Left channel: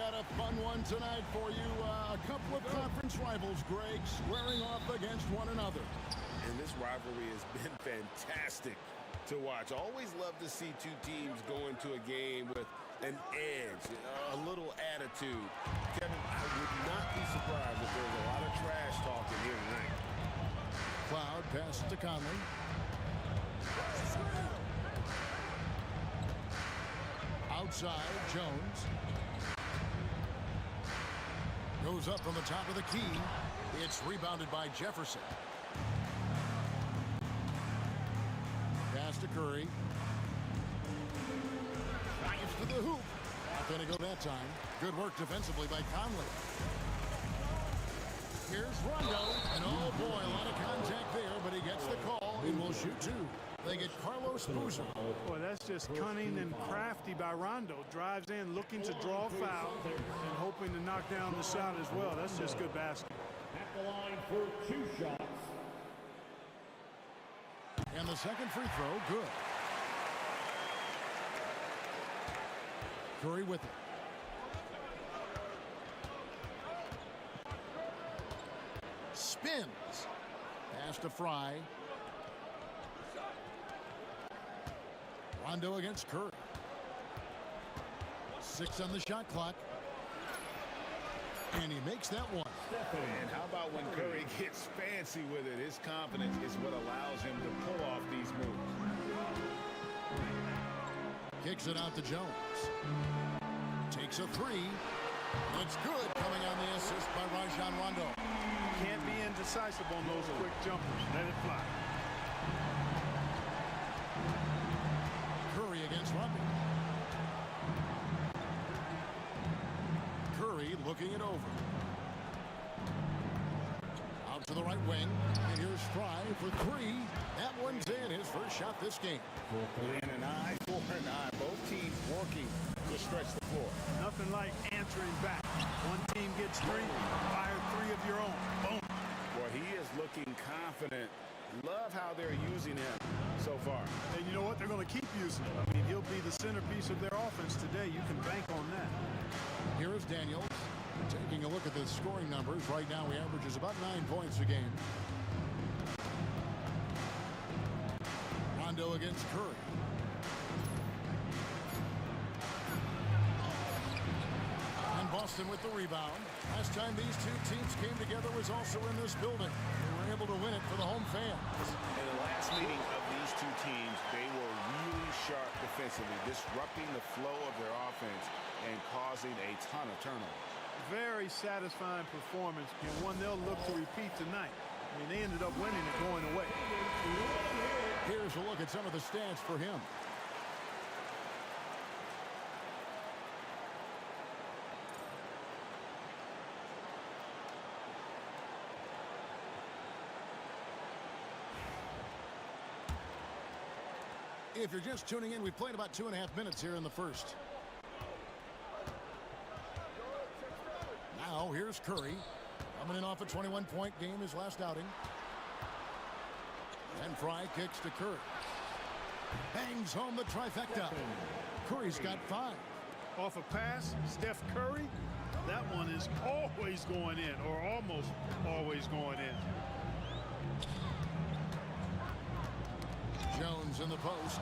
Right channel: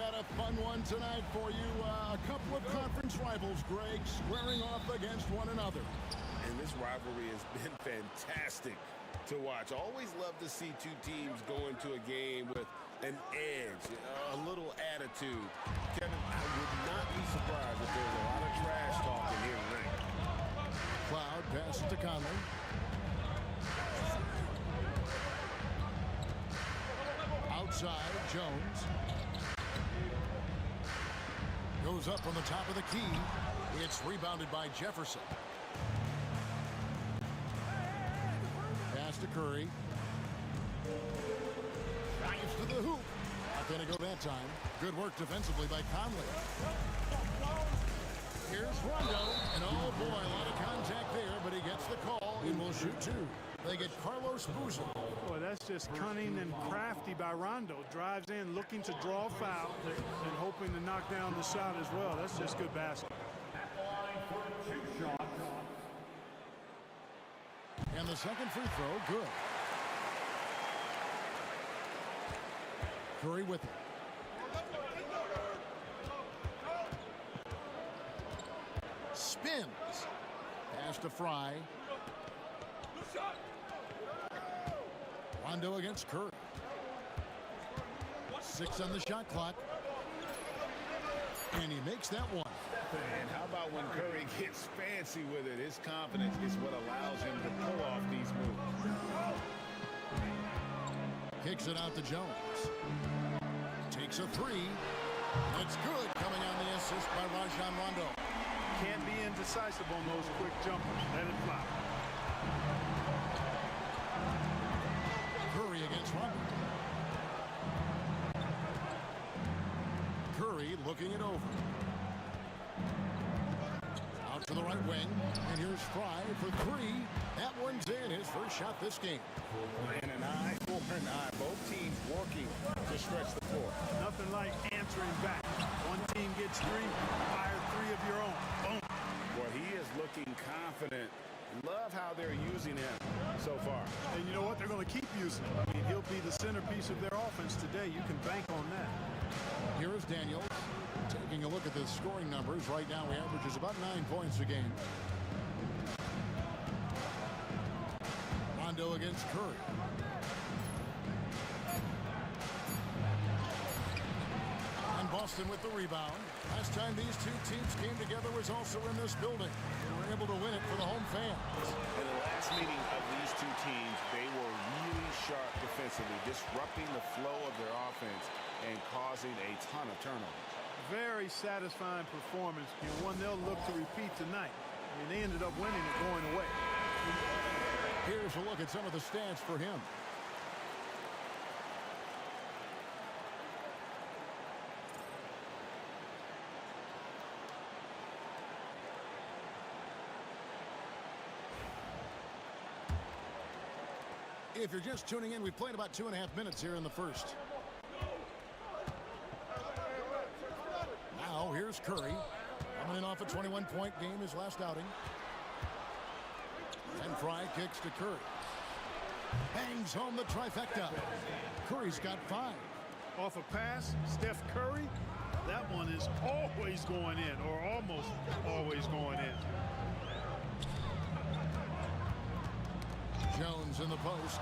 got a fun one tonight for you. A couple of conference rivals, Greg, squaring off against one another. And this rivalry has been fantastic to watch. Always love to see two teams go into a game with an edge, a little attitude. Kevin, I would not be surprised if there's a lot of trash talking here tonight. Cloud passes to Conley. Outside, Jones. Goes up from the top of the key. It's rebounded by Jefferson. Pass to Curry. Drives to the hoop. Not going to go that time. Good work defensively by Conley. Here's Rondo. And oh boy, a lot of contact there, but he gets the call and will shoot two. They get Carlos Boozer. Boy, that's just cunning and crafty by Rondo. Drives in, looking to draw a foul, and hoping to knock down the shot as well. That's just good basketball. At the line for 2 shots. And the second free throw, good. Curry with it. Spins. Pass to Fry. Rondo against Curry. 6 on the shot clock. And he makes that one. And how about when Curry gets fancy with it? His confidence is what allows him to pull off these moves. Kicks it out to Jones. Takes a 3. That's good, coming on the assist by Rajon Rondo. Can't be indecisive on those quick jumpers. Let it fly. Curry against Rondo. Curry looking it over. Out to the right wing. And here's Fry for 3. That one's in. His first shot this game. And an eye for an eye. Both teams working to stretch the floor. Nothing like answering back. One team gets 3, you fire 3 of your own. Boom. Boy, he is looking confident. Love how they're using him so far. And you know what? They're going to keep using him. I mean, he'll be the centerpiece of their offense today. You can bank on that. Here is Daniels. Taking a look at the scoring numbers. Right now, he averages about 9 points a game. Rondo against Curry. And Boston with the rebound. Last time these two teams came together was also in this building. They were able to win it for the home fans. In the last meeting of these two teams, they were really sharp defensively, disrupting the flow of their offense and causing a ton of turnovers. Very satisfying performance, and one they'll look to repeat tonight. I mean, they ended up winning it going away. Here's a look at some of the stats for him. If you're just tuning in, we've played about 2.5 minutes here in the first. Now, here's Curry. Coming in off a 21-point game, his last outing. And Fry kicks to Curry. Bangs home the trifecta. Curry's got 5. Off a pass, Steph Curry, that one is always going in, or almost always going in. Jones in the post.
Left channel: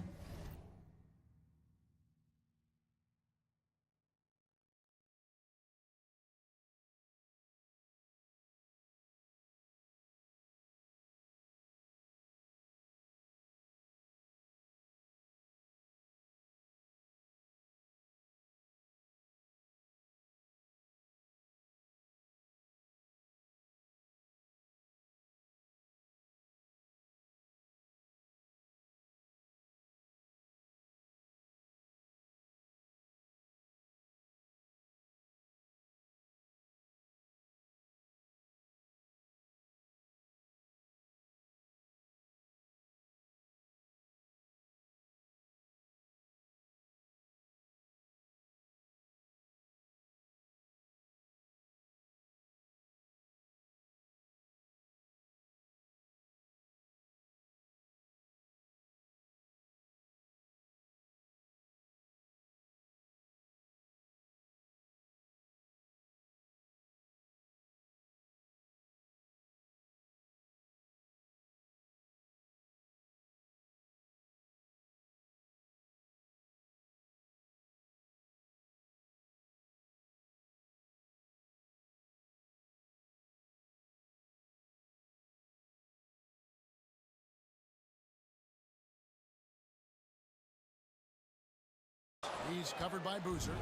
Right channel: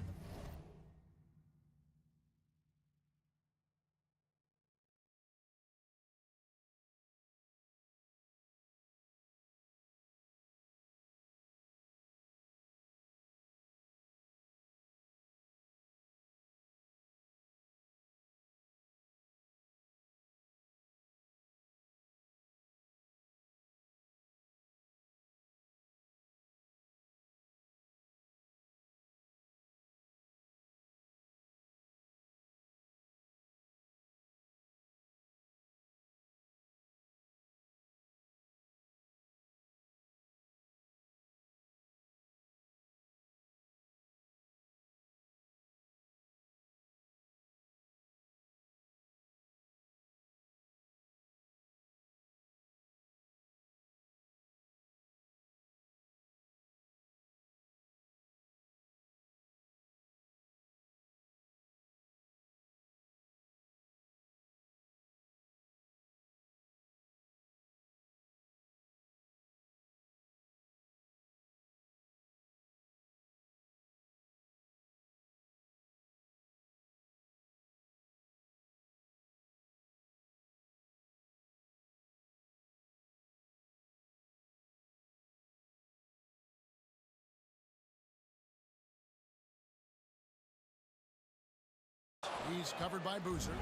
He's covered by Boozer.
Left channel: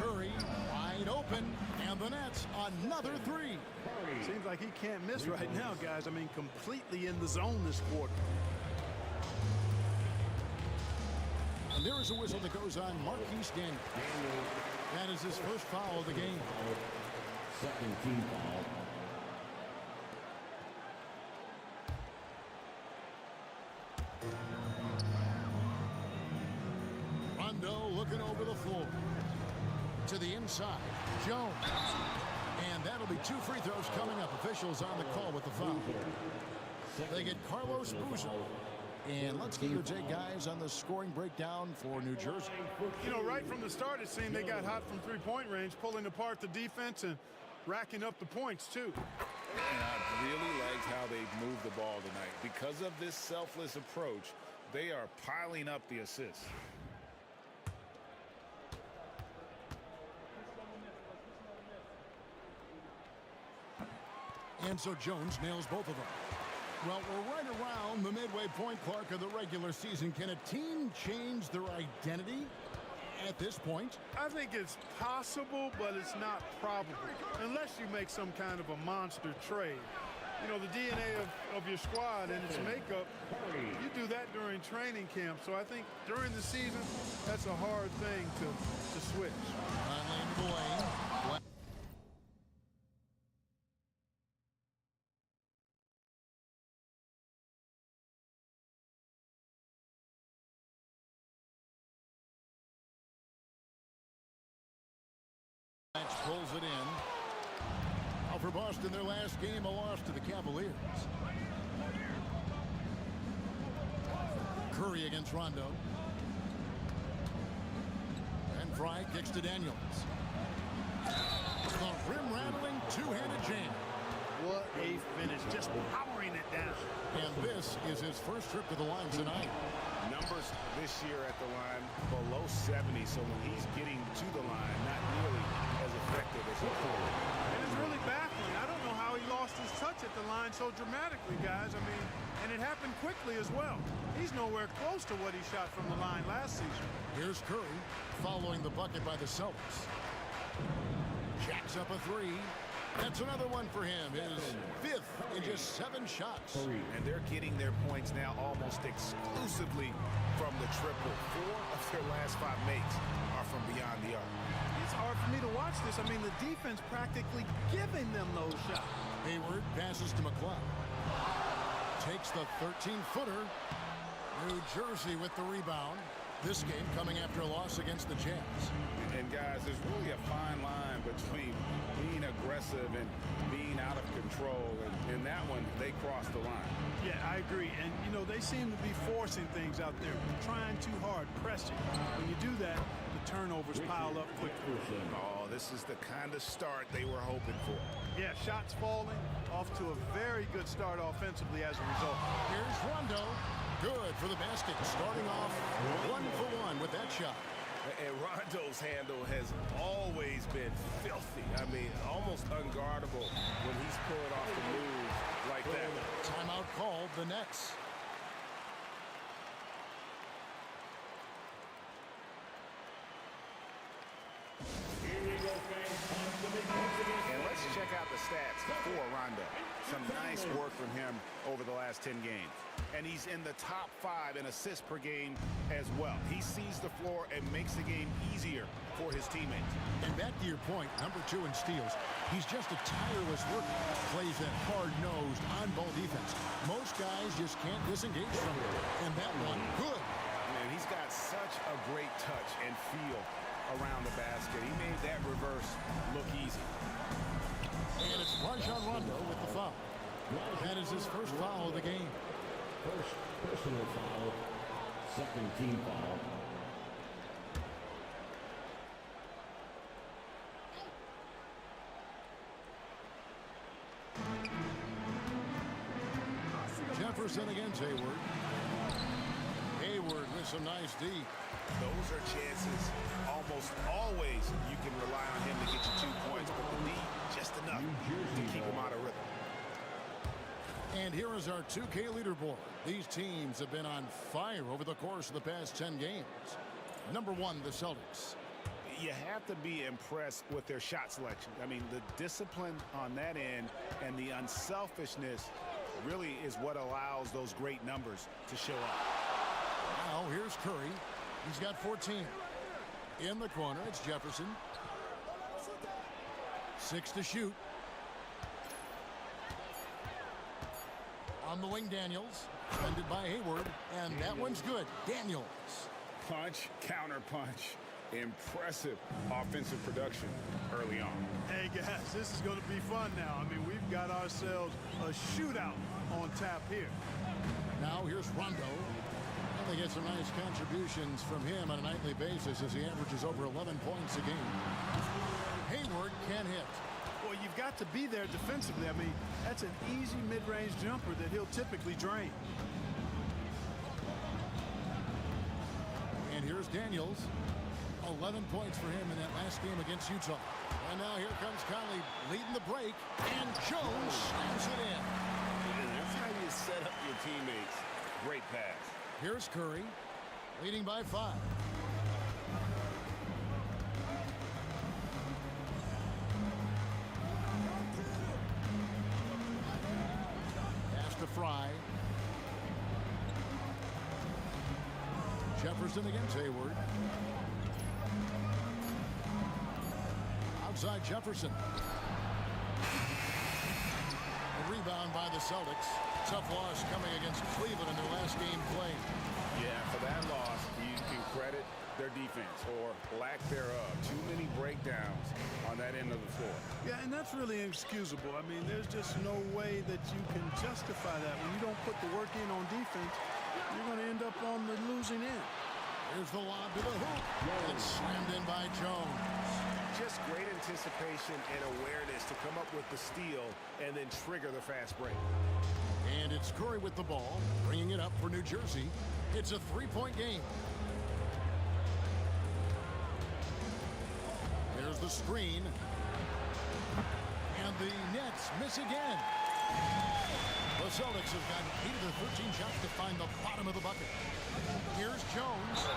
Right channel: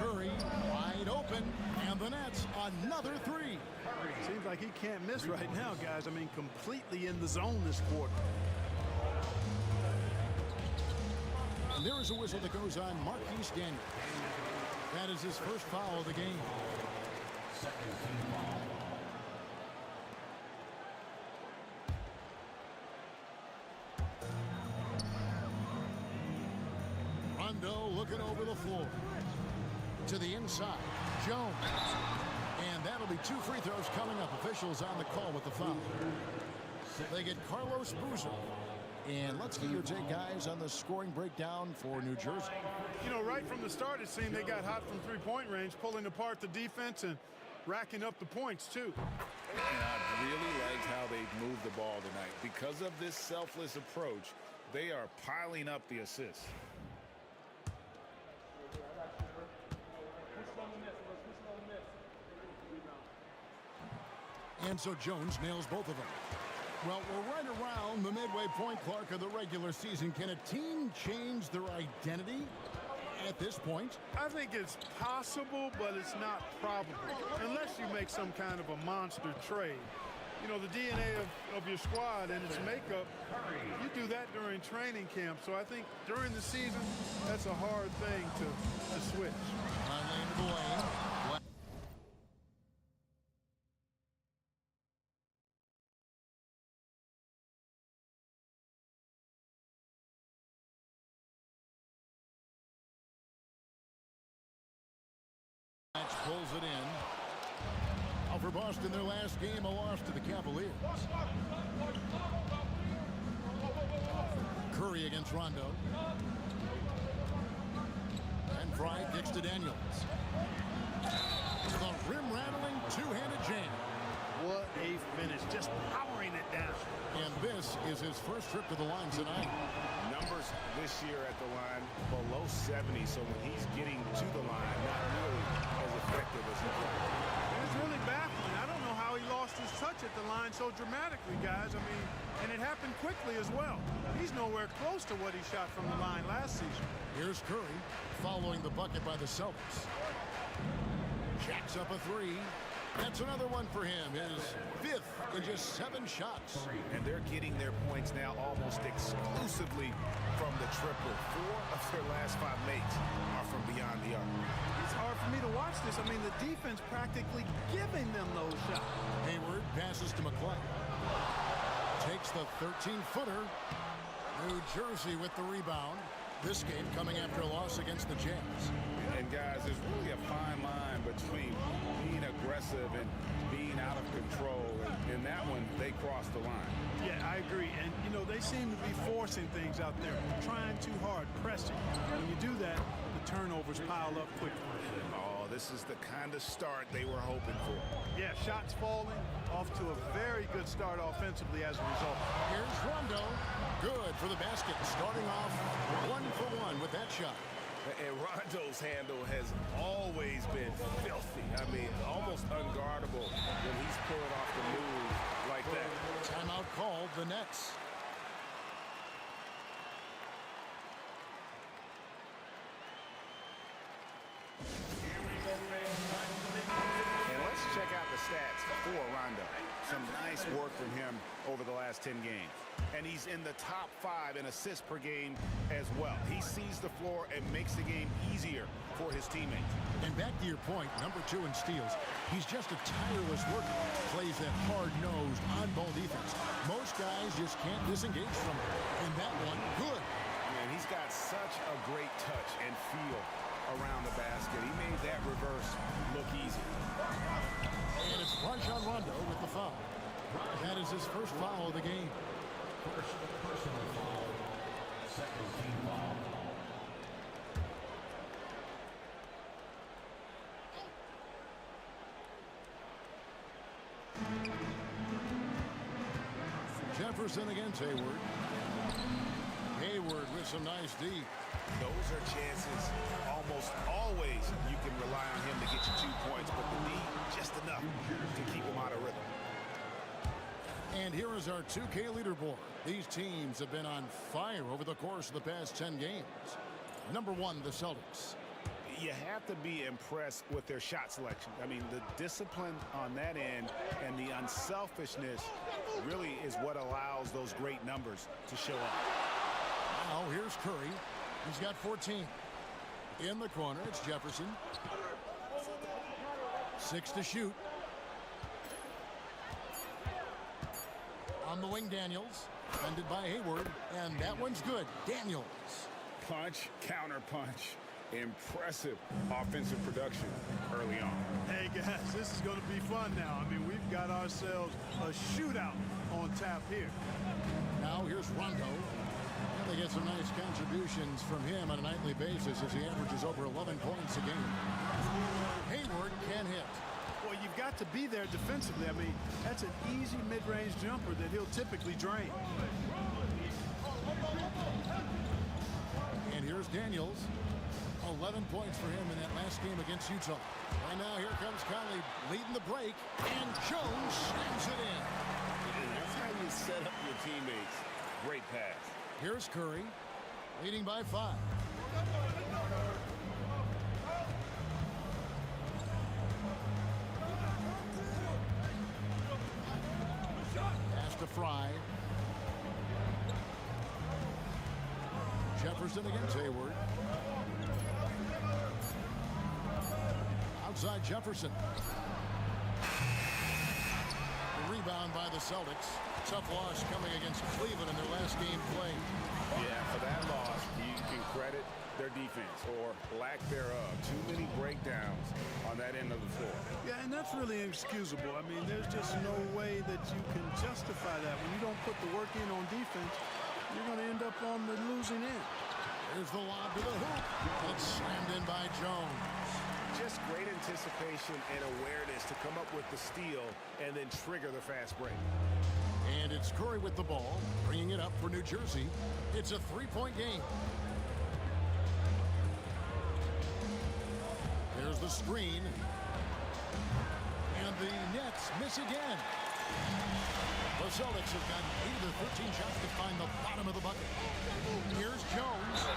Curry wide open, and the Nets another three. Seems like he can't miss right now, guys. I mean, completely in the zone this quarter. And there is a whistle that goes on Marquise Daniels. That is his first foul of the game. Second team foul. Rondo looking over the floor. To the inside, Jones. And that'll be 2 free throws coming up. Officials on the call with the foul. They get Carlos Boozer. And let's get your take, guys, on the scoring breakdown for New Jersey. You know, right from the start, it seemed they got hot from three-point range, pulling apart the defense and racking up the points, too. And I really liked how they've moved the ball tonight. Because of this selfless approach, they are piling up the assists. And so Jones nails both of them. Well, we're right around the midway point, Clark, of the regular season. Can a team change their identity at this point? I think it's possible, but it's not probable, unless you make some kind of a monster trade. You know, the DNA of your squad and its makeup, you do that during training camp. So I think during the season, that's a hard thing to switch. Conley into the lane. Pulls it in. Now for Boston, their last game, a loss to the Cavaliers. Curry against Rondo. And Fry kicks to Daniels. The rim-rattling two-handed jam. What a finish, just powering it down. And this is his first trip to the line tonight. Numbers this year at the line below 70, so when he's getting to the line, not nearly as effective as he could. And it's really baffling. I don't know how he lost his touch at the line so dramatically, guys. I mean, and it happened quickly as well. He's nowhere close to what he shot from the line last season. Here's Curry following the bucket by the Celtics. Jacks up a three. That's another one for him, his 5th in just 7 shots. And they're getting their points now almost exclusively from the triple. 4 of their last 5 makes are from beyond the arc. It's hard for me to watch this. I mean, the defense practically giving them those shots. Hayward passes to McClung. Takes the 13-footer. New Jersey with the rebound. This game coming after a loss against the Jazz. And guys, there's really a fine line between being aggressive and being out of control. And in that one, they crossed the line. Yeah, I agree. And, you know, they seem to be forcing things out there, trying too hard, pressing. When you do that, the turnovers pile up quickly. Oh, this is the kind of start they were hoping for. Yeah, shots falling, off to a very good start offensively as a result. Here's Rondo. Good for the basket. Starting off 1 for 1 with that shot. And Rondo's handle has always been filthy. I mean, almost unguardable when he's pulling off the move like that. Timeout called, the Nets. And let's check out the stats for Rondo. Some nice work from him over the last 10 games. And he's in the top 5 in assists per game as well. He sees the floor and makes the game easier for his teammates. And back to your point, number 2 in steals. He's just a tireless worker. Plays that hard-nosed, on-ball defense. Most guys just can't disengage from him. And that one, good. Man, he's got such a great touch and feel around the basket. He made that reverse look easy. And it's Rajon Rondo with the foul. That is his first foul of the game. First personal foul. Second team foul. Jefferson against Hayward. Hayward with some nice D. Those are chances almost always you can rely on him to get you 2 points, but the D just enough to keep him out of rhythm. And here is our 2K leaderboard. These teams have been on fire over the course of the past 10 games. Number 1, the Celtics. You have to be impressed with their shot selection. I mean, the discipline on that end and the unselfishness really is what allows those great numbers to show up. Now here's Curry. He's got 14. In the corner, it's Jefferson. 6 to shoot. On the wing, Daniels. Defended by Hayward. And that one's good. Daniels. Punch, counter punch. Impressive offensive production early on. Hey, guys, this is going to be fun now. I mean, we've got ourselves a shootout on tap here. Now here's Rondo. And they get some nice contributions from him on a nightly basis as he averages over 11 points a game. Hayward can hit. Well, you've got to be there defensively. I mean, that's an easy mid-range jumper that he'll typically drain. And here's Daniels. 11 points for him in that last game against Utah. And now here comes Conley leading the break. And Jones slams it in. And that's how you set up your teammates. Great pass. Here's Curry leading by 5. Pass to Fry. Jefferson against Hayward. Outside Jefferson. A rebound by the Celtics. Tough loss coming against Cleveland in their last game played. Yeah, for that loss, you can credit their defense or lack thereof. Too many breakdowns on that end of the floor. Yeah, and that's really inexcusable. I mean, there's just no way that you can justify that. When you don't put the work in on defense, you're going to end up on the losing end. Here's the lob to the hoop. And slammed in by Jones. Just great anticipation and awareness to come up with the steal and then trigger the fast break. And it's Curry with the ball, bringing it up for New Jersey. It's a 3-point game. There's the screen. And the Nets miss again. The Celtics have gotten 8 of their 13 shots to find the bottom of the bucket. Here's Jones.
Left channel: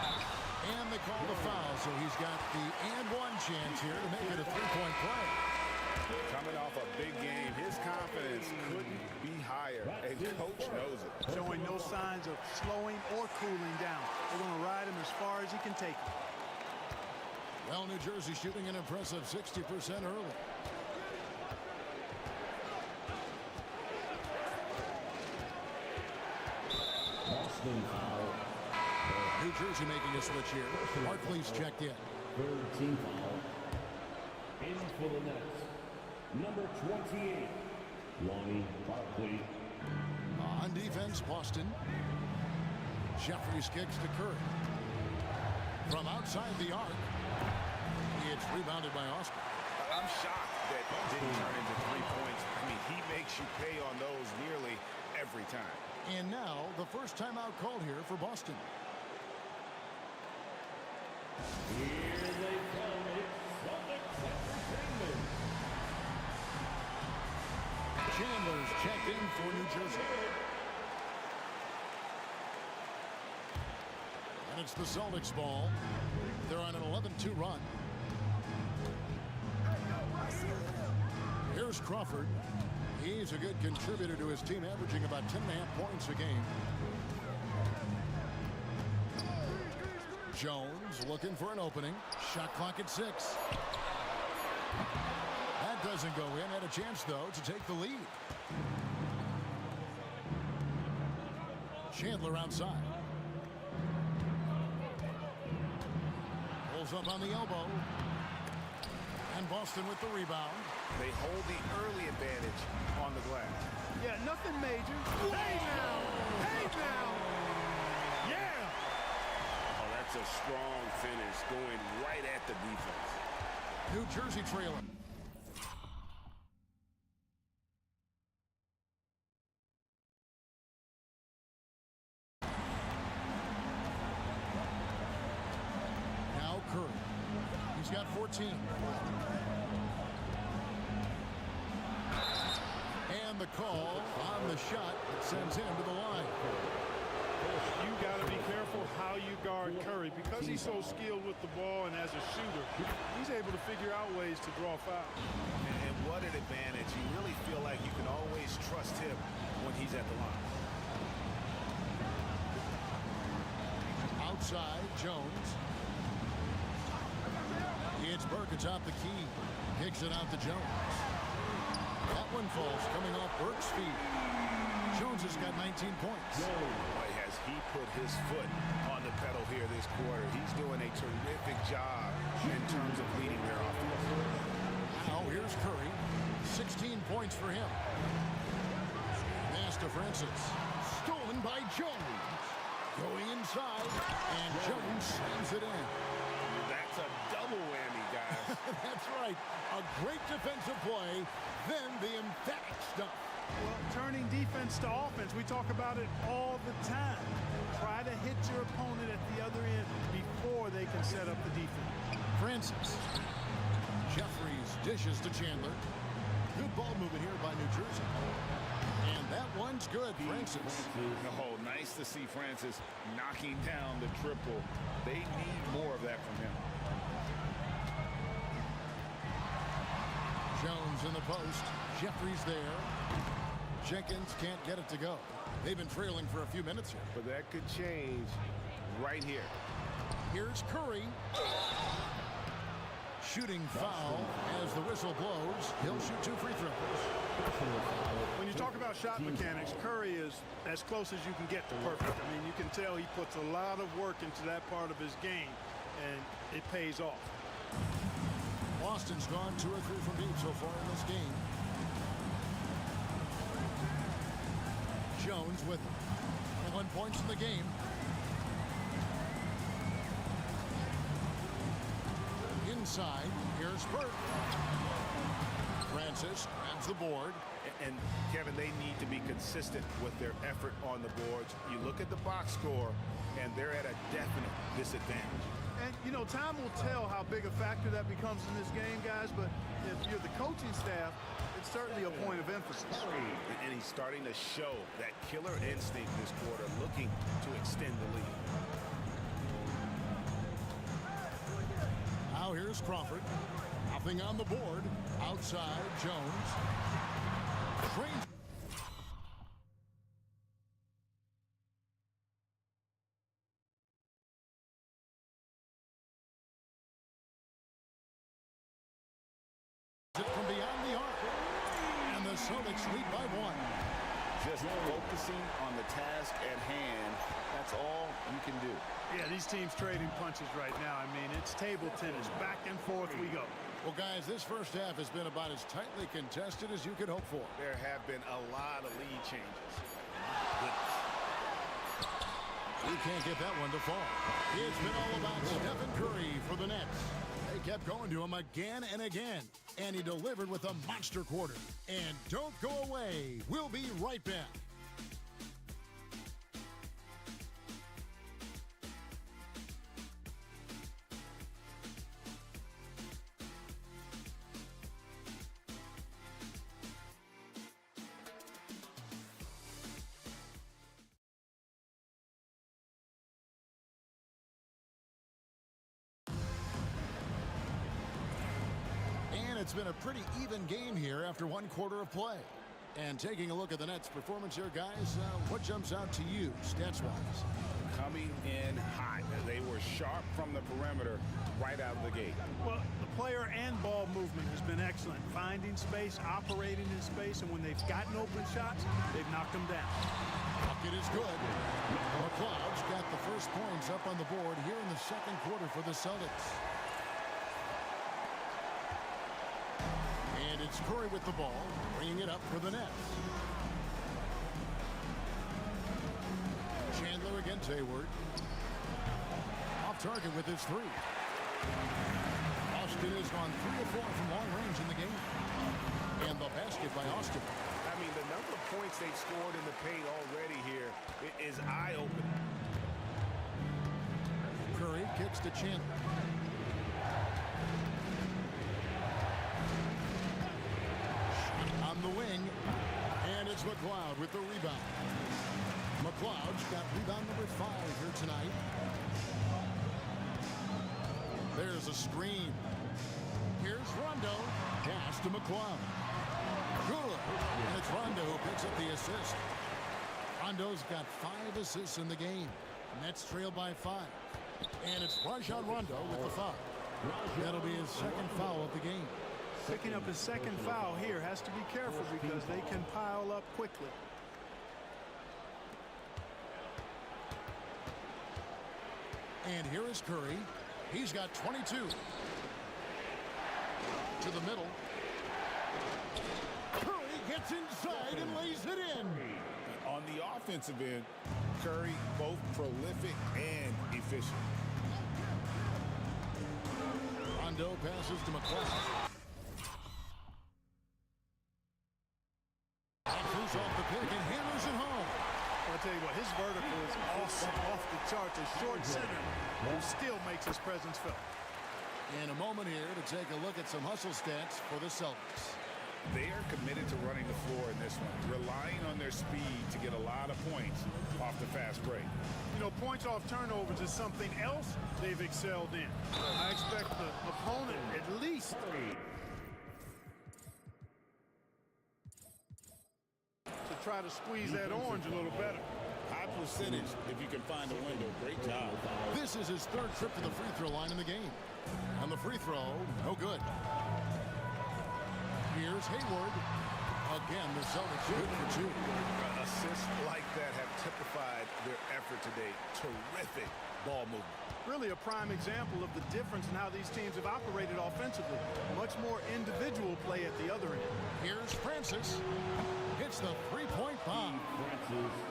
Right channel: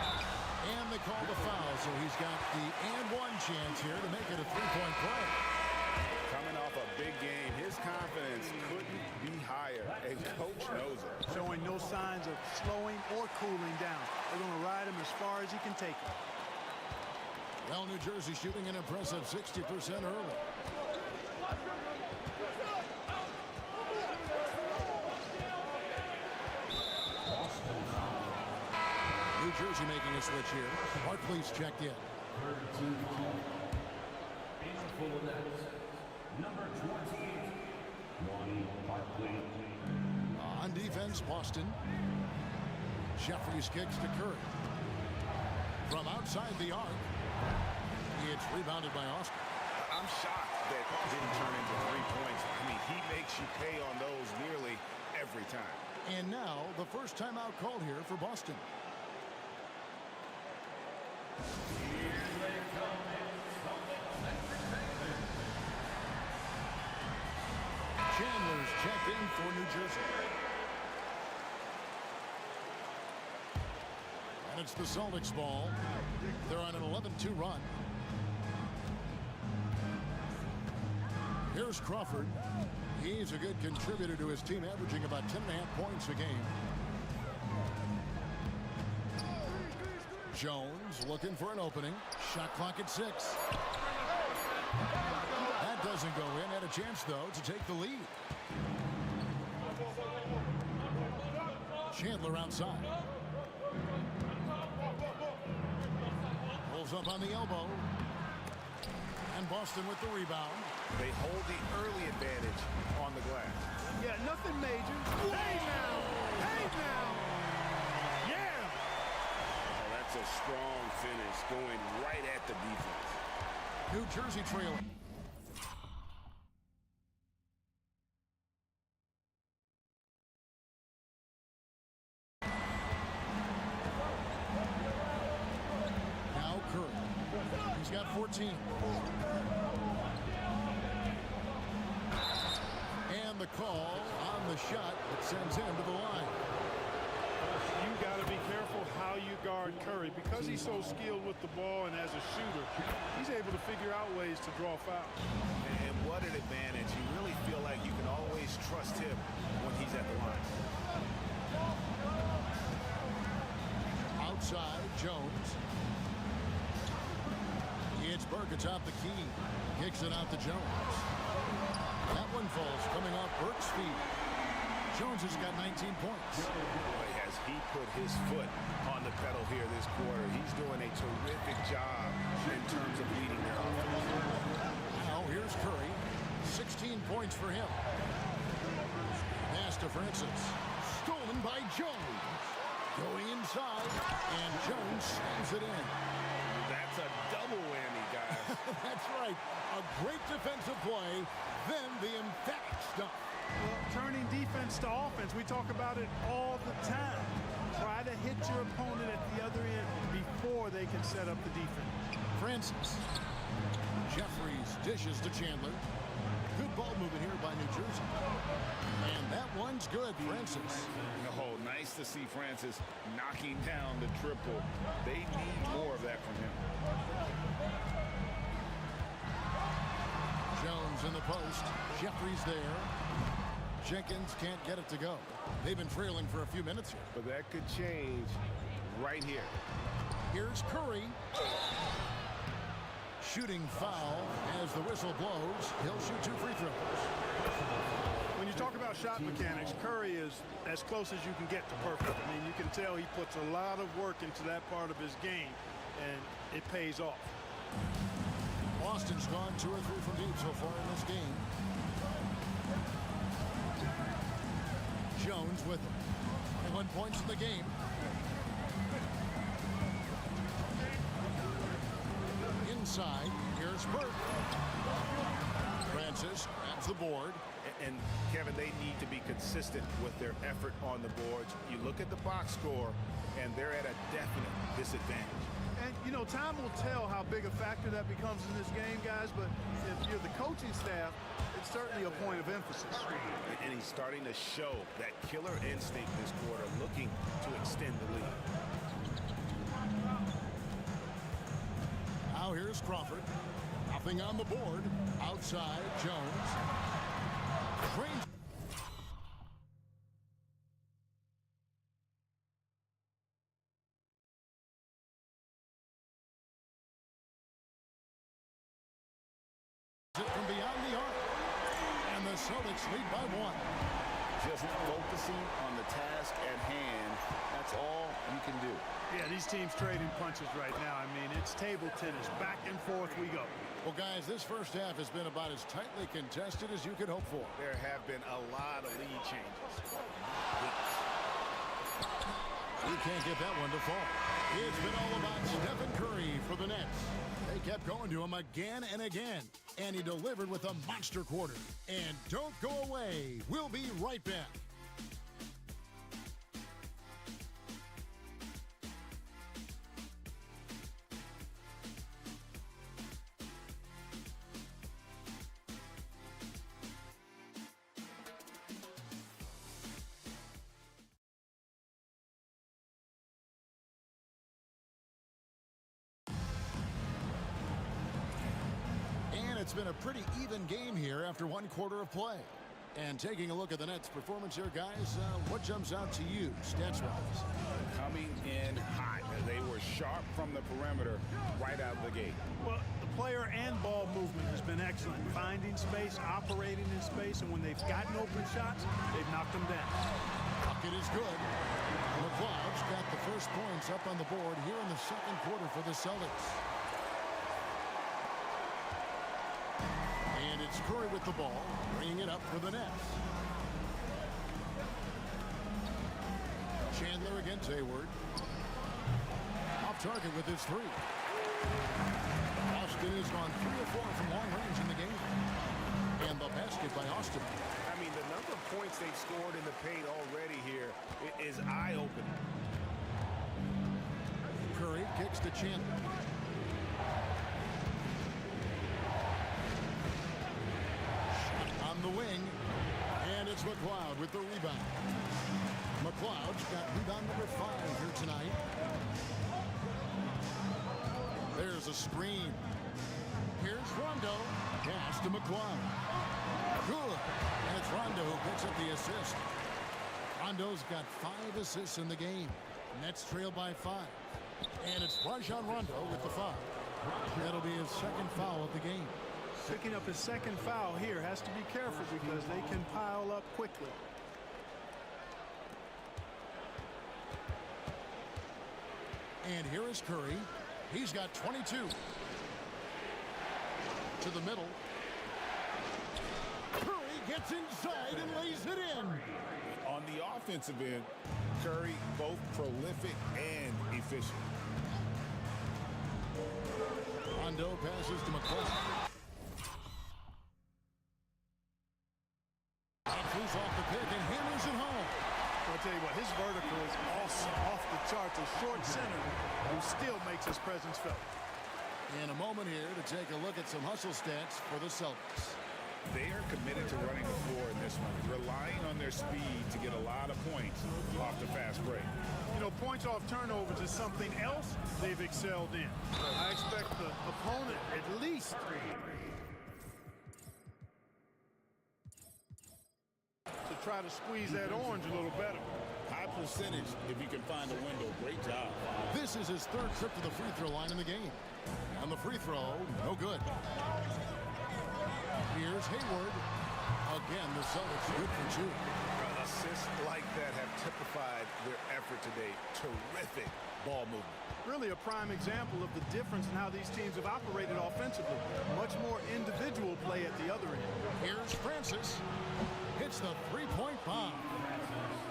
And they call the foul, so he's got the and one chance here to make it a 3-point play. Coming off a big game, his confidence couldn't be higher, and coach knows it. Showing no signs of slowing or cooling down. They're going to ride him as far as he can take him. Well, New Jersey shooting an impressive 60% early. New Jersey making a switch here. Barkley's checked in. Third team foul. In for the Nets, number 28, Lonnie Barkley. On defense, Boston. Jeffries kicks to Curry. From outside the arc, it's rebounded by Austin. I'm shocked that didn't turn into 3 points. I mean, he makes you pay on those nearly every time. And now the first timeout called here for Boston. Here they come, it's Celtics Entertainment. Chandler's checked in for New Jersey. And it's the Celtics ball. They're on an 11-2 run. Here's Crawford. He's a good contributor to his team, averaging about 10.5 points a game. Jones looking for an opening. Shot clock at 6. That doesn't go in. Had a chance, though, to take the lead. Chandler outside. Pulls up on the elbow. And Boston with the rebound. They hold the early advantage on the glass. Yeah, nothing major. Hey now! Hey now! Yeah! Oh, that's a strong finish going right at the defense. New Jersey trailing. Now Curry. He's got 14. And the call on the shot that sends him to the line. You got to be careful how you guard Curry. Because he's so skilled with the ball and as a shooter, he's able to figure out ways to draw fouls. And what an advantage. You really feel like you can always trust him when he's at the line. Outside, Jones. It's Burke atop the key. Kicks it out to Jones. That one falls coming off Burke's feet. Jones has got 19 points. Boy, has he put his foot on the pedal here this quarter. He's doing a terrific job in terms of leading their offense. Now here's Curry. 16 points for him. Pass to Francis. Stolen by Jones. Going inside, and Jones sends it in. That's a double whammy, guys. That's right. A great defensive play, then the emphatic stuff. Well, turning defense to offense, we talk about it all the time. Try to hit your opponent at the other end before they can set up the defense. Francis. Jeffries dishes to Chandler. Good ball movement here by New Jersey. And that one's good, Francis. Oh, nice to see Francis knocking down the triple. They need more of that from him. Jones in the post. Jeffries there. Jenkins can't get it to go. They've been trailing for a few minutes here. But that could change right here. Here's Curry. Shooting foul as the whistle blows. He'll shoot 2 free throws. When you talk about shot mechanics, Curry is as close as you can get to perfect. I mean, you can tell he puts a lot of work into that part of his game, and it pays off. Boston's gone 2 or 3 from deep so far in this game. Jones with 21 points in the game. Inside, here's Burke. Francis grabs the board. And Kevin, they need to be consistent with their effort on the boards. You look at the box score, and they're at a definite disadvantage. And, you know, time will tell how big a factor that becomes in this game, guys, but if you're the coaching staff, it's certainly a point of emphasis. And he's starting to show that killer instinct this quarter, looking to extend the lead. Now here's Crawford. Nothing on the board. Outside, Jones. Trains. It from beyond the arc. And the Celtics lead by 1. Just focusing on the task at hand. That's all you can do. Yeah, these teams trading punches right now. I mean, it's table tennis. Back and forth we go. Well, guys, this first half has been about as tightly contested as you could hope for. There have been a lot of lead changes. We can't get that one to fall. It's been all about Stephen Curry for the Nets. They kept going to him again and again, and he delivered with a monster quarter. And don't go away. We'll be right back. It's been a pretty even game here after 1 quarter of play. And taking a look at the Nets' performance here, guys, what jumps out to you, stats-wise? Coming in hot. They were sharp from the perimeter right out of the gate. Well, the player and ball movement has been excellent. Finding space, operating in space, and when they've gotten open shots, they've knocked them down. Bucket is good. McLeod's got the first points up on the board here in the second quarter for the Celtics. And it's Curry with the ball, bringing it up for the Nets. Chandler against Hayward. Off target with his 3. Austin has gone 3 of 4 from long range in the game. And the basket by Austin. I mean, the number of points they've scored in the paint already here is eye-opening. Curry kicks to Chandler. On the wing, And it's McLeod with the rebound. McLeod's got rebound number 5 here tonight. There's a screen. Here's Rondo. Pass to McLeod. Good. And it's Rondo who picks up the assist. Rondo's got 5 assists in the game. Nets trail by 5. And it's Rajon Rondo with the foul. That'll be his second foul of the game. Picking up his second foul here. Has to be careful because they can pile up quickly. And here is Curry. He's got 22. To the middle. Curry gets inside and lays it in. On the offensive end, Curry both prolific and efficient. Rondo passes to McLeod. Moves off the pick and hammers it home. I'll tell you what, his vertical is awesome, off the charts. A short center who still makes his presence felt. In a moment here to take a look at some hustle stats for the Celtics. They are committed to running the floor in this one, relying on their speed to get a lot of points off the fast break. You know, points off turnovers is something else they've excelled in. I expect the opponent at least to try to squeeze that orange a little better. High percentage if you can find a window. Great job. This is his 3rd trip to the free throw line in the game. And the free throw, no good. Here's Hayward. Again, the Celtics good for 2. Assists like that have typified their effort today. Terrific ball movement. Really a prime example of the difference in how these teams have operated offensively. Much more individual play at the other end. Here's Francis. Hits the 3-point bomb.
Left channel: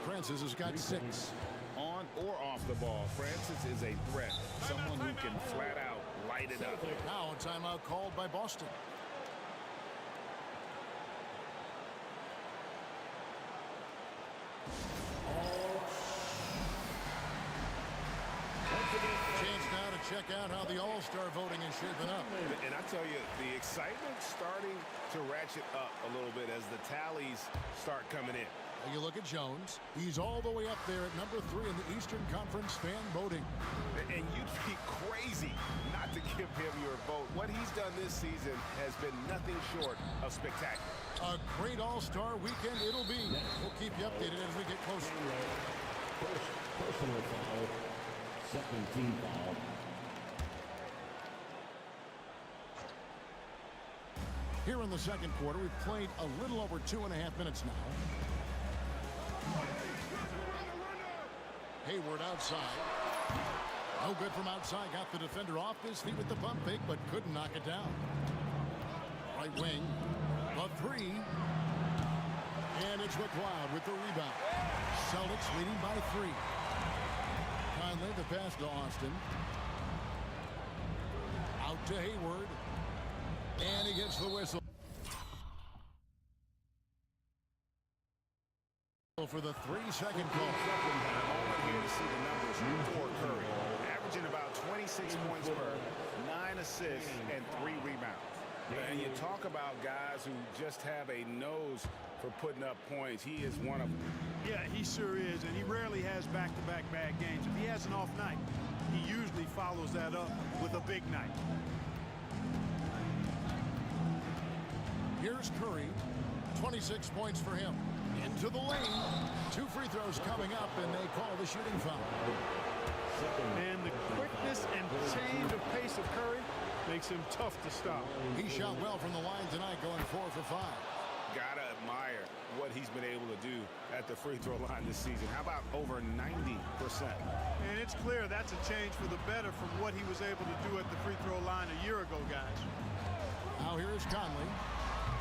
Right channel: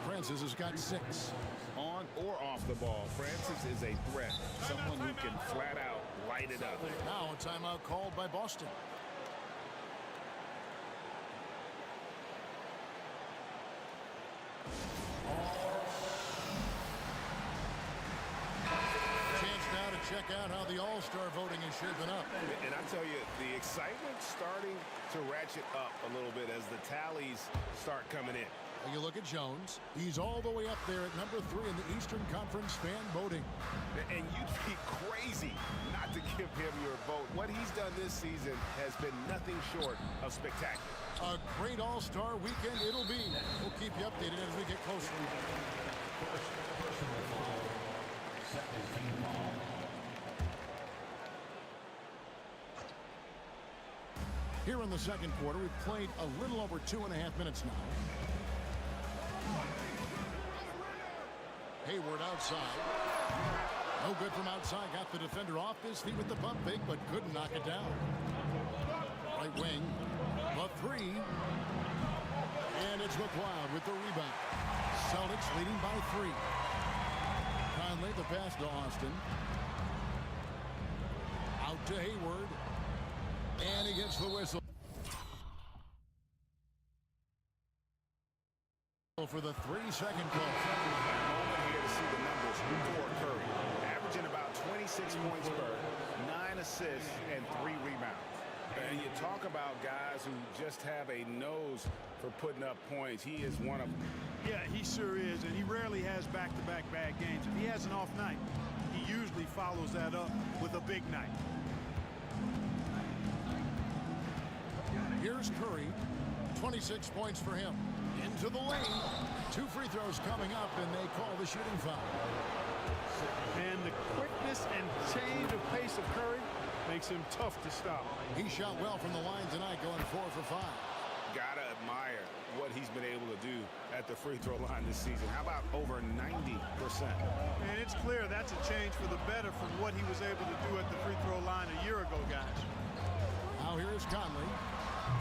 Francis has got 6. On or off the ball, Francis is a threat. Someone who can flat out light it up. Now a timeout called by Boston. Chance now to check out how the All-Star voting is shaping up. And I tell you, the excitement's starting to ratchet up a little bit as the tallies start coming in. You look at Jones. He's all the way up there at number 3 in the Eastern Conference fan voting. And you'd be crazy not to give him your vote. What he's done this season has been nothing short of spectacular. A great All-Star weekend it'll be. We'll keep you updated as we get closer. Personal foul. Second team foul. Here in the second quarter, we've played a little over 2.5 minutes now. Hayward outside. No good from outside. Got the defender off his feet with the pump fake, but couldn't knock it down. Right wing. The 3. And it's McLeod with the rebound. Celtics leading by 3. Conley the pass to Austin. Out to Hayward. And he gets the whistle. For the 3-second call. And a moment here to see the numbers for Curry. Averaging about 26 points per, 9 assists, and 3 rebounds. And you talk about guys who just have a nose for putting up points. He is one of them. Yeah, he sure is, and he rarely has back-to-back bad games. If he has an off night, he usually follows that up with a big night. Here's Curry. 26 points for him. Into the lane. 2 free throws coming up, and they call the shooting foul. And the quickness and change of pace of Curry makes him tough to stop. He shot well from the line tonight, going 4 for 5. Gotta admire what he's been able to do at the free throw line this season. How about over 90%? And it's clear that's a change for the better from what he was able to do at the free throw line a year ago, guys. Now here's Conley,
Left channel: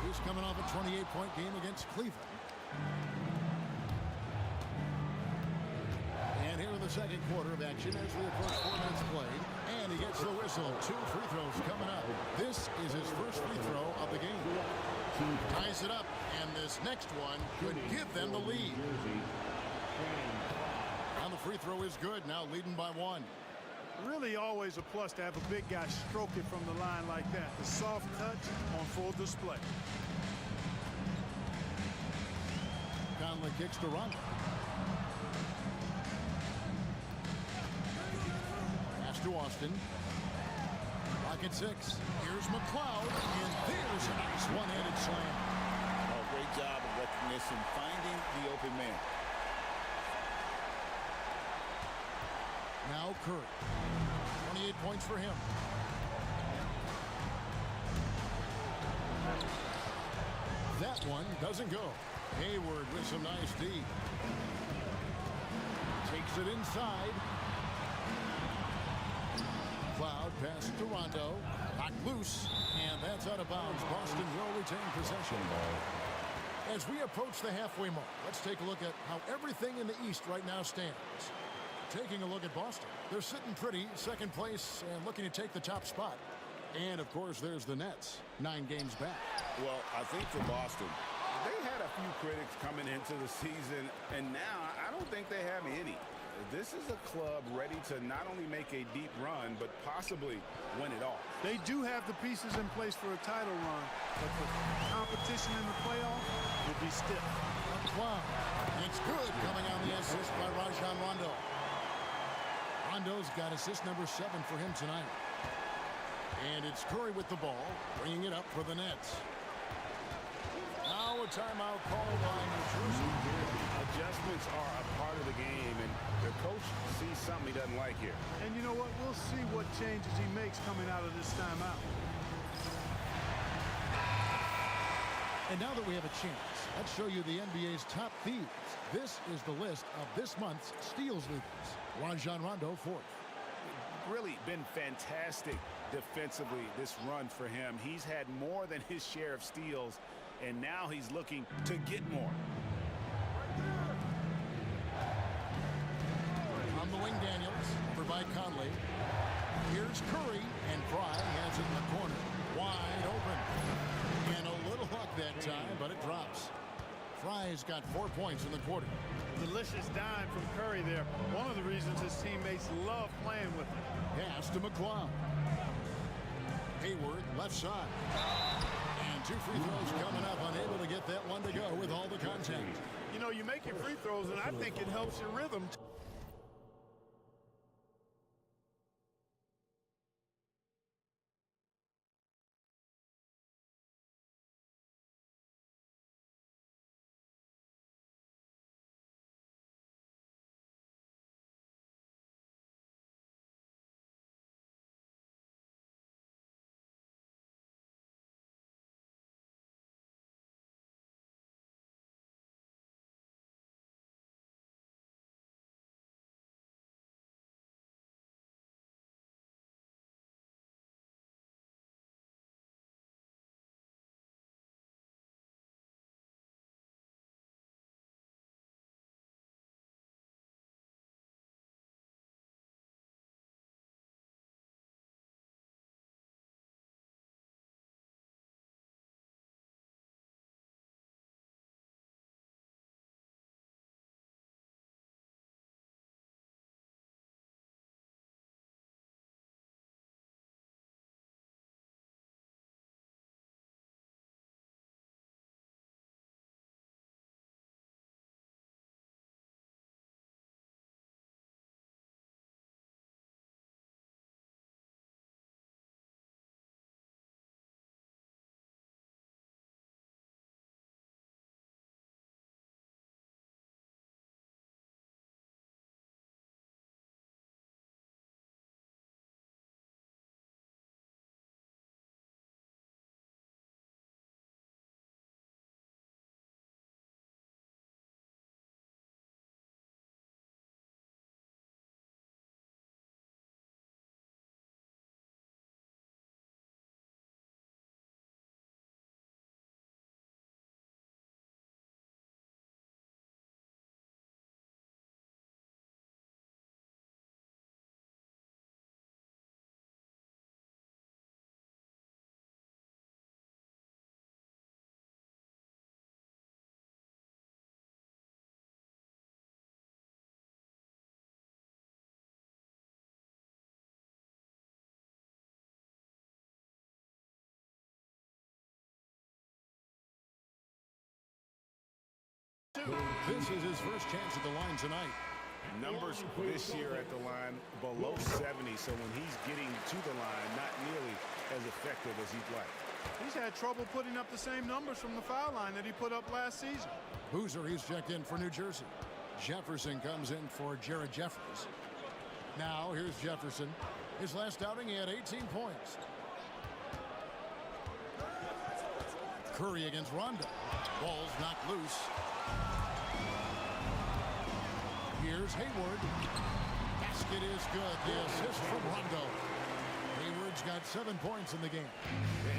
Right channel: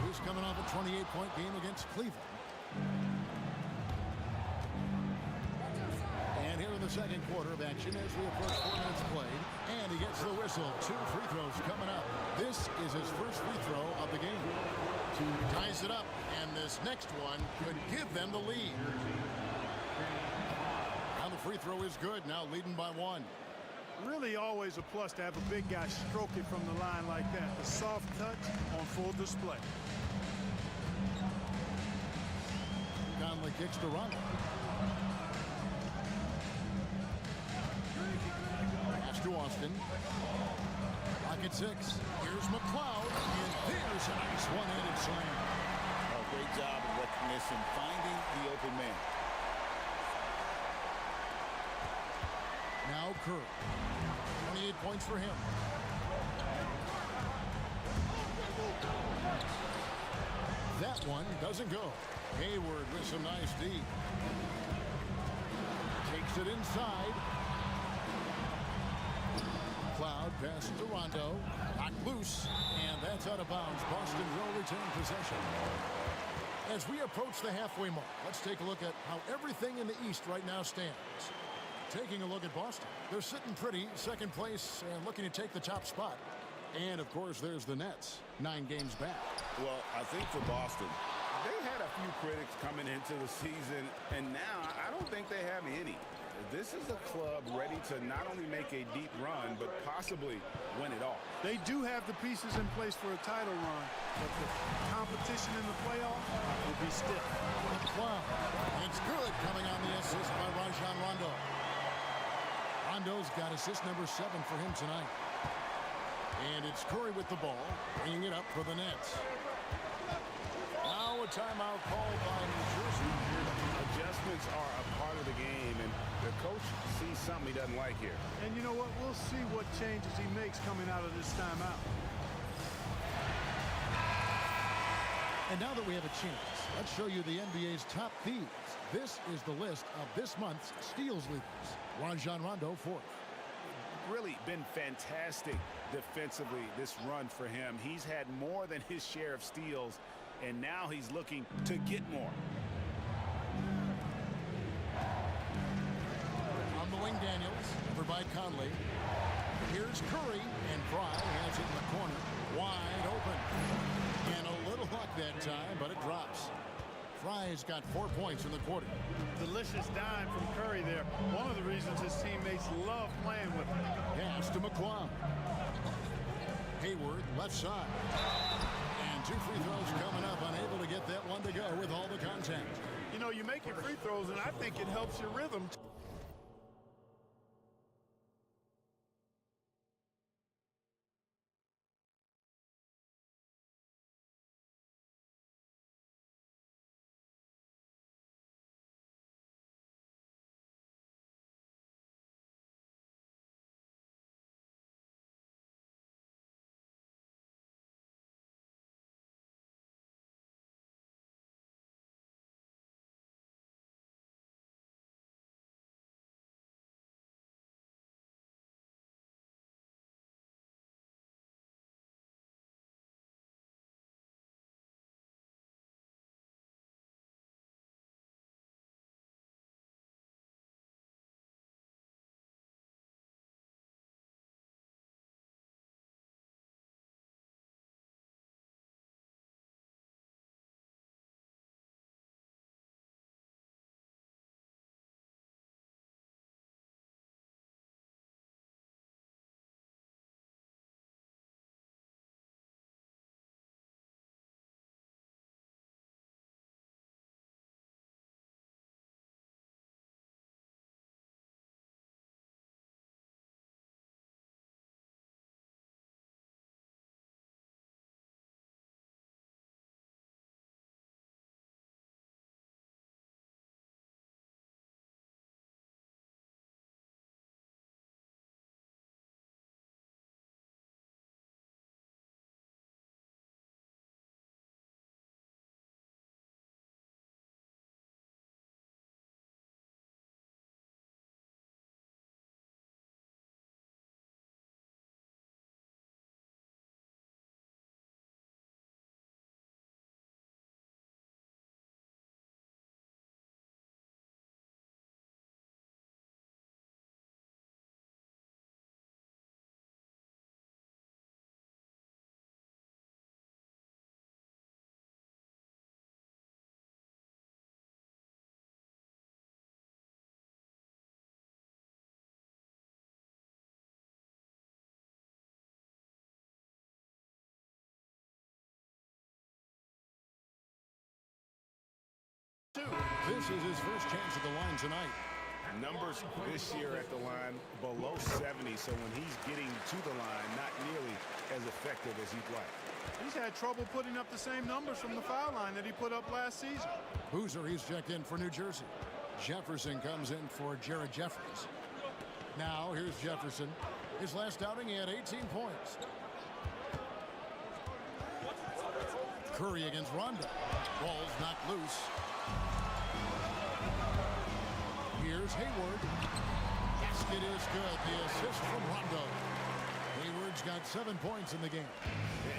who's coming off a 28-point game against Cleveland. And here in the second quarter of action as we approach 4 minutes played. And he gets the whistle. 2 free throws coming up. This is his first free throw of the game. Ties it up, and this next one could give them the lead. And the free throw is good, now leading by 1. Really always a plus to have a big guy stroke it from the line like that. The soft touch on full display. Conley kicks to Rondo. Pass to Austin. Rocket 6. Here's McLeod, and there's a nice one-handed slam. Oh, great job of recognition, finding the open man. Now Curry. 28 points for him. That one doesn't go. Hayward with some nice D. Takes it inside. Cloud pass to Rondo. Knocked loose. And that's out of bounds. Boston will retain possession. As we approach the halfway mark, let's take a look at how everything in the East right now stands. Taking a look at Boston. They're sitting pretty, second place, and looking to take the top spot. And, of course, there's the Nets, 9 games back. Well, I think for Boston, they had a few critics coming into the season, and now I don't think they have any. This is a club ready to not only make a deep run, but possibly win it all. They do have the pieces in place for a title run, but the competition in the playoff will be stiff. McClung. It's good coming on the assist by Rajon Rondo. Rondo's got assist number 7 for him tonight. And it's Curry with the ball, bringing it up for the Nets. Now a timeout called by New Jersey. Adjustments are a part of the game, and the coach sees something he doesn't like here. And you know what? We'll see what changes he makes coming out of this timeout. And now that we have a chance, let's show you the NBA's top thieves. This is the list of this month's steals leaders. Rajon Rondo, 4th. Really been fantastic defensively this run for him. He's had more than his share of steals, and now he's looking to get more. On the wing, Daniels, over by Conley. Here's Curry, and Fry has it in the corner. Wide open. And a little luck that time, but it drops. Fry's got 4 points in the quarter. Delicious dime from Curry there. One of the reasons his teammates love playing with him. Pass to McClung. Hayward, left side. And 2 free throws coming up, unable to get that one to go with all the contact. You know, you make your free throws, and I think it helps your rhythm. This is his first chance at the line tonight. Numbers this year at the line below 70, so when he's getting to the line, not nearly as effective as he'd like. He's had trouble putting up the same numbers from the foul line that he put up last season. Boozer, he's checked in for New Jersey. Jefferson comes in for Jared Jeffries. Now here's Jefferson. His last outing, he had 18 points. Curry against Rondo. Ball's knocked loose. Here's Hayward. Basket is good. The assist from Rondo. Hayward's got 7 points in the game.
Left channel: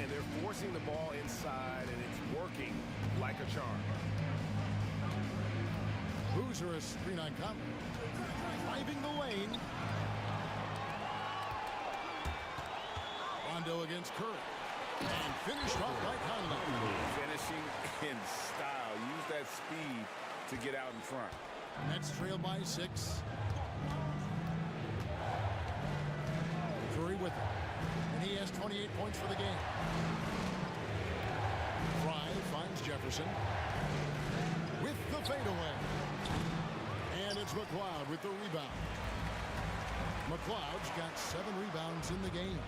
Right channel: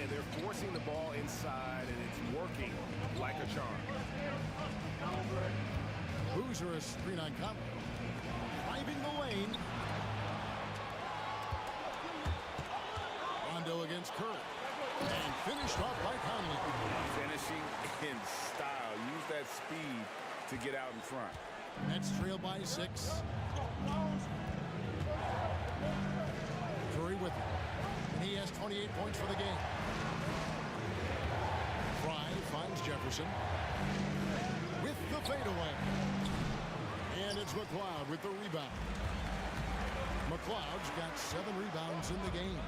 And they're forcing the ball inside, and it's working like a charm. Boozer, a screen on Conley. Driving the lane. Rondo against Curry. And finished off by Conley. Finishing in style. Use that speed to get out in front. Nets trail by 6. Curry with it. And he has 28 points for the game. Fry finds Jefferson. With the fadeaway. And it's McLeod with the rebound. McLeod's got 7 rebounds in the game.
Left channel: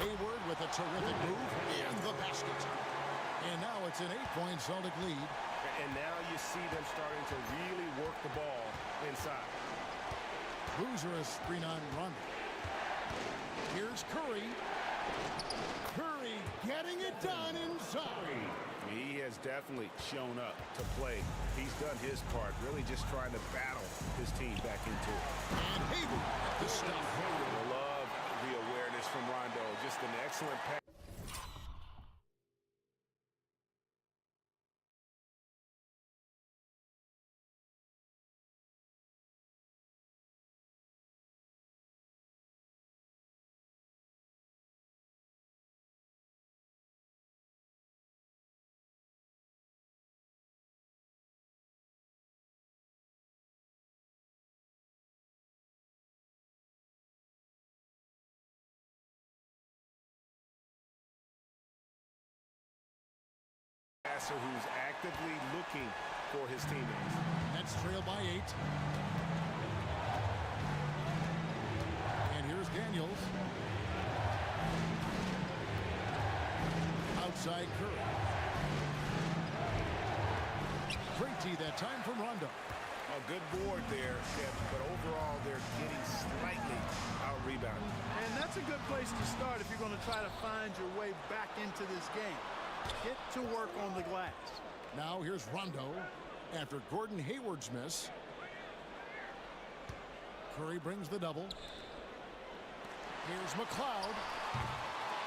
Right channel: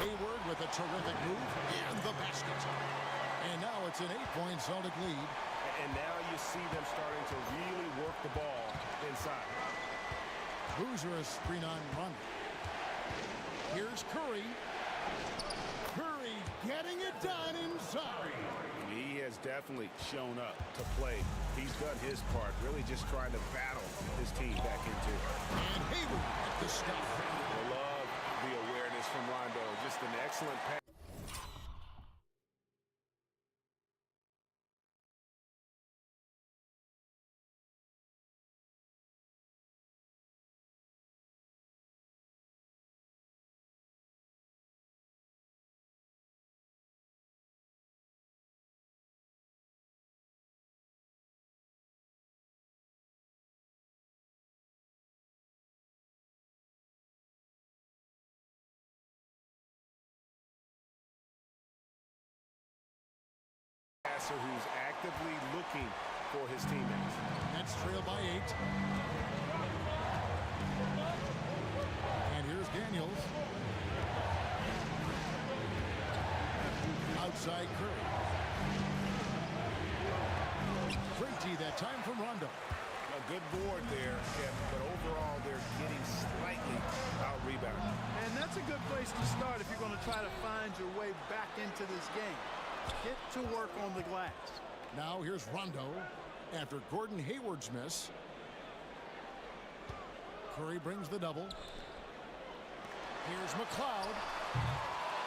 Hayward with a terrific move and the basket. And now it's an 8-point Celtic lead. And now you see them starting to really work the ball inside. Boozer, a screen on Rondo. Here's Curry. Curry getting it done inside. He has definitely shown up to play. He's done his part, really just trying to battle his team back into it. And Hayward at the stuff. I love the awareness from Rondo. Just an excellent pass. Who's actively looking for his teammates. Nets trail by 8. And here's Daniels. Outside Curry. Great D that time from Rondo. A good board there, Kevin, but overall they're getting slightly out-rebounded. And that's a good place to start if you're going to try to find your way back into this game. Get to work on the glass. Now here's Rondo after Gordon Hayward's miss. Curry brings the double. Here's McLeod.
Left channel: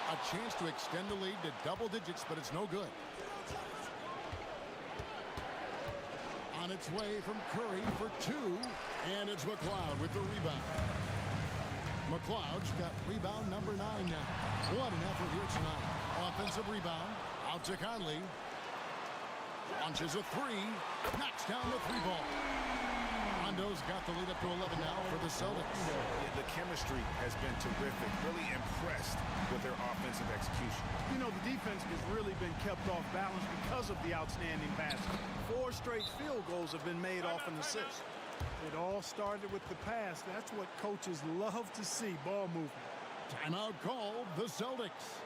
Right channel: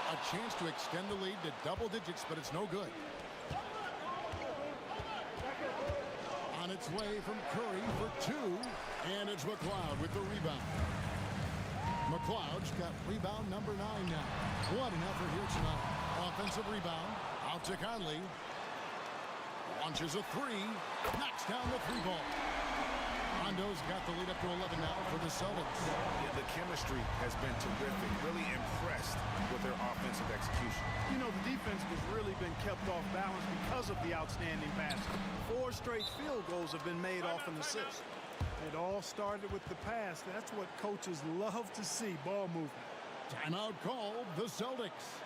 A chance to extend the lead to double digits, but it's no good. On its way from Curry for 2, and it's McLeod with the rebound. McLeod's got rebound number 9 now. What an effort here tonight. Offensive rebound. Out to Conley. Launches a 3. Knocks down the 3 ball. Rondo's got the lead up to 11 now for the Celtics. Yeah, the chemistry has been terrific. Really impressed with their offensive execution. You know, the defense has really been kept off balance because of the outstanding passing. 4 straight field goals have been made off an assist. It all started with the pass. That's what coaches love to see, ball movement. Timeout called the Celtics.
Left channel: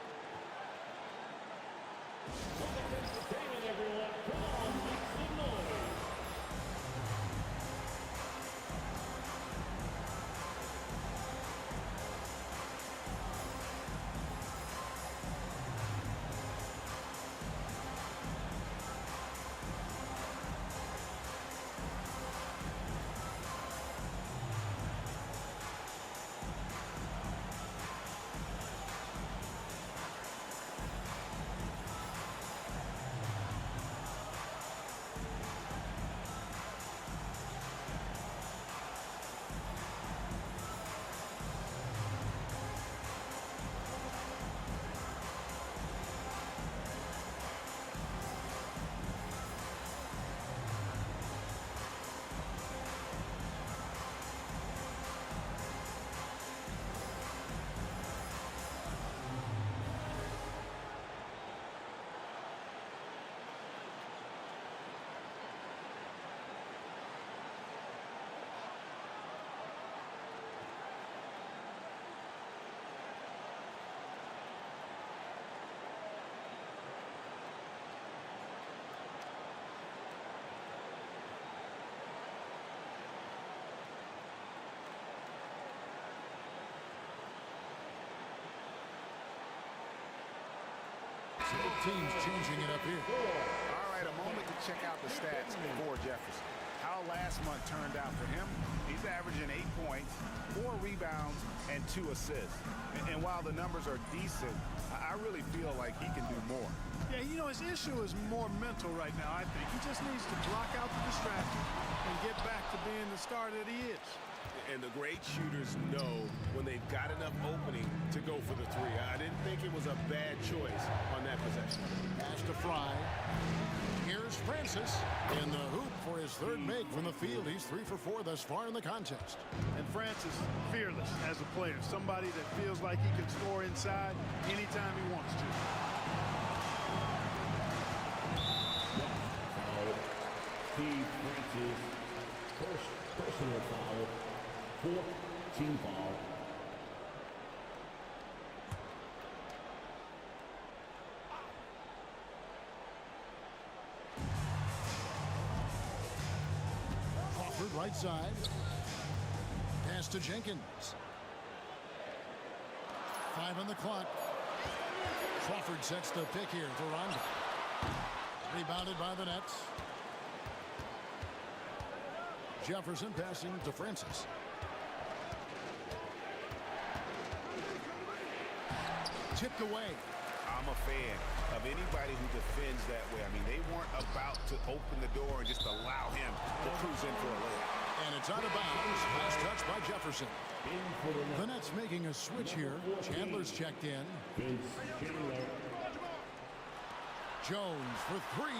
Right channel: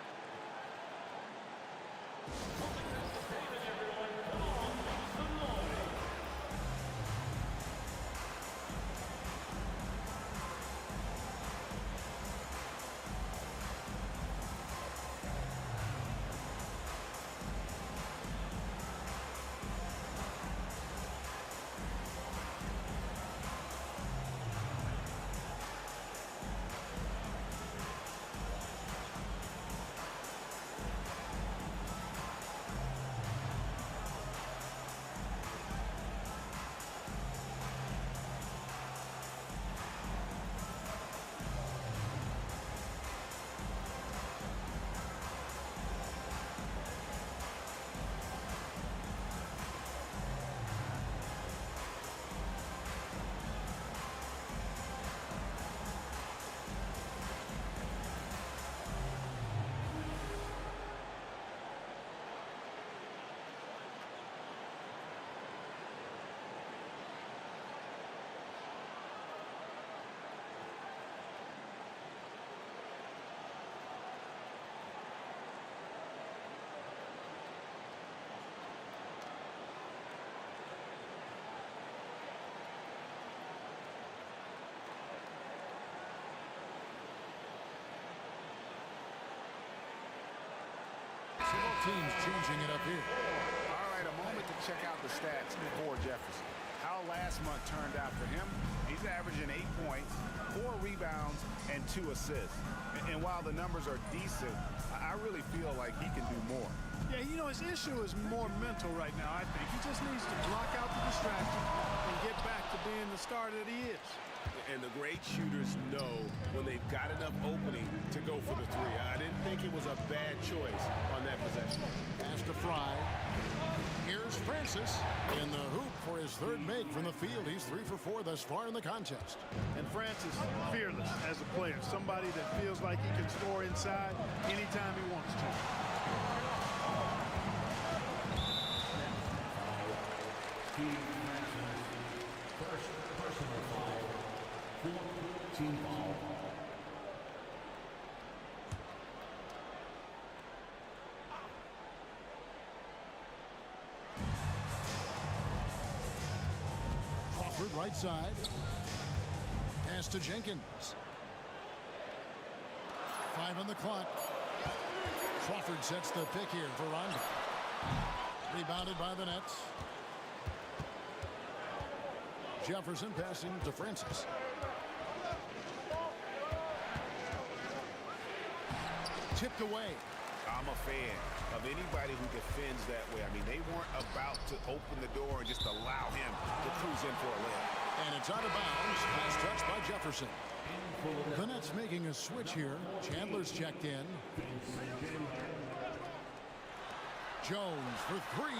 teams changing it up here. All right, a moment to check out the stats for Jefferson. How last month turned out for him, he's averaging 8 points, 4 rebounds, and 2 assists. And while the numbers are decent, I really feel like he can do more. Yeah, you know, his issue is more mental right now, I think. He just needs to block out the distractions and get back to being the star that he is. And the great shooters know when they've got enough opening to go for the three. I didn't think it was a bad choice on that possession. Pass to Fry. Here's Francis in the hoop for his third make from the field. He's 3 for 4 thus far in the contest. And Francis, fearless as a player. Somebody that feels like he can score inside anytime he wants to. Steve Francis, first personal foul, 4th team foul. Crawford right side. Pass to Jenkins. 5 on the clock. Crawford sets the pick here for Rondo. Rebounded by the Nets. Jefferson passing to Francis. Tipped away. I'm a fan of anybody who defends that way. I mean, they weren't about to open the door and just allow him to cruise in for a layup. And it's out of bounds. Last touch by Jefferson. The Nets making a switch here. Chandler's checked in. Jones for 3.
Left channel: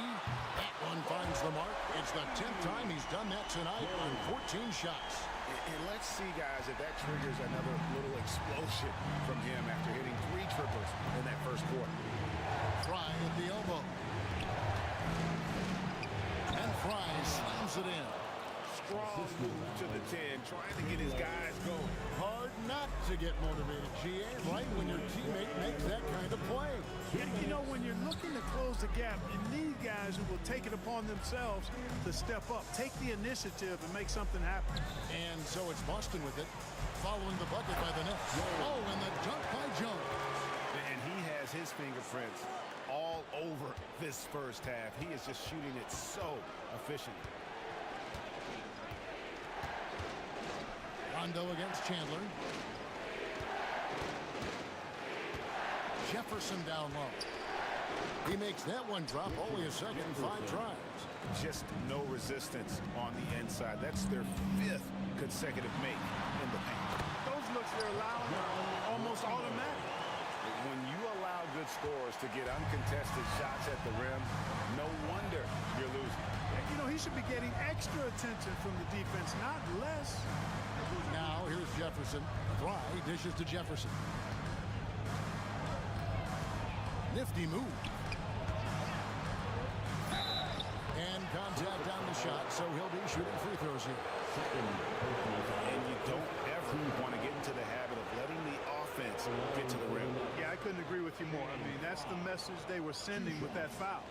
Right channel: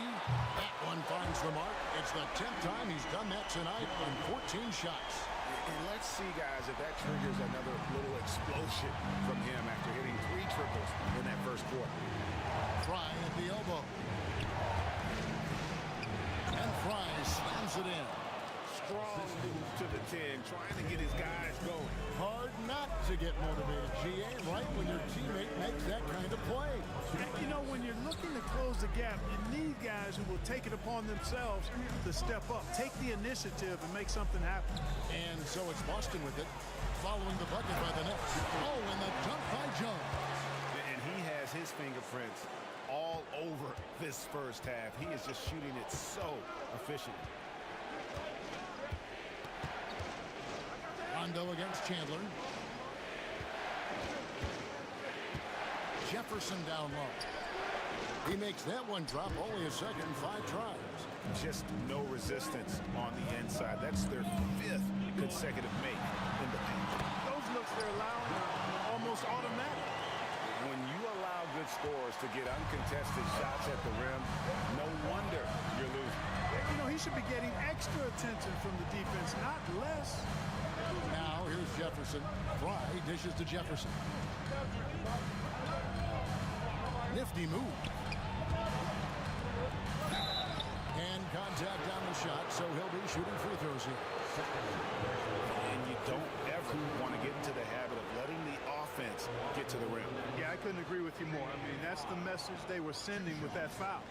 That one finds the mark. It's the 10th time he's done that tonight on 14 shots. And let's see, guys, if that triggers another little explosion from him after hitting 3 triples in that first quarter. Fry at the elbow. And Fry slams it in. Strong move to the 10, trying to get his guys going. Hard not to get motivated, GA, right when your teammate makes that kind of play. You know, when you're looking to close the gap, you need guys who will take it upon themselves to step up, take the initiative, and make something happen. And so it's Boston with it, following the bucket by the Nets. Oh, and the dunk by Jones. And he has his fingerprints all over this first half. He is just shooting it so efficiently. Rondo against Chandler. Jefferson down low. He makes that one drop only a second, 5 tries. Just no resistance on the inside. That's their 5th consecutive make in the paint. Those looks they're allowing are almost automatic. When you allow good scorers to get uncontested shots at the rim, no wonder you're losing. You know, he should be getting extra attention from the defense, not less. Now here's Jefferson. Fry dishes to Jefferson. Nifty move. And contact on the shot, so he'll be shooting free throws here. And you don't ever want to get into the habit of letting the offense get to the rim. Yeah, I couldn't agree with you more. I mean, that's the message they were sending with that foul.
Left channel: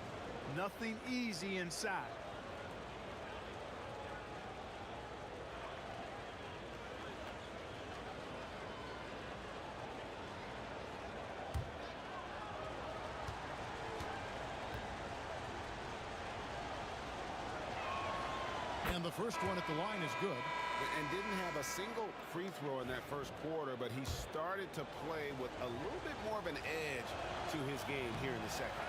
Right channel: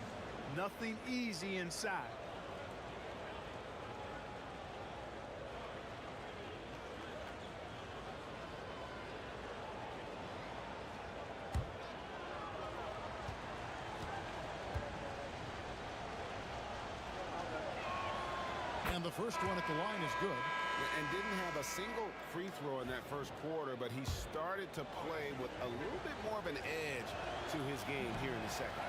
Nothing easy inside. And the first one at the line is good. And didn't have a single free throw in that first quarter, but he started to play with a little bit more of an edge to his game here in the second.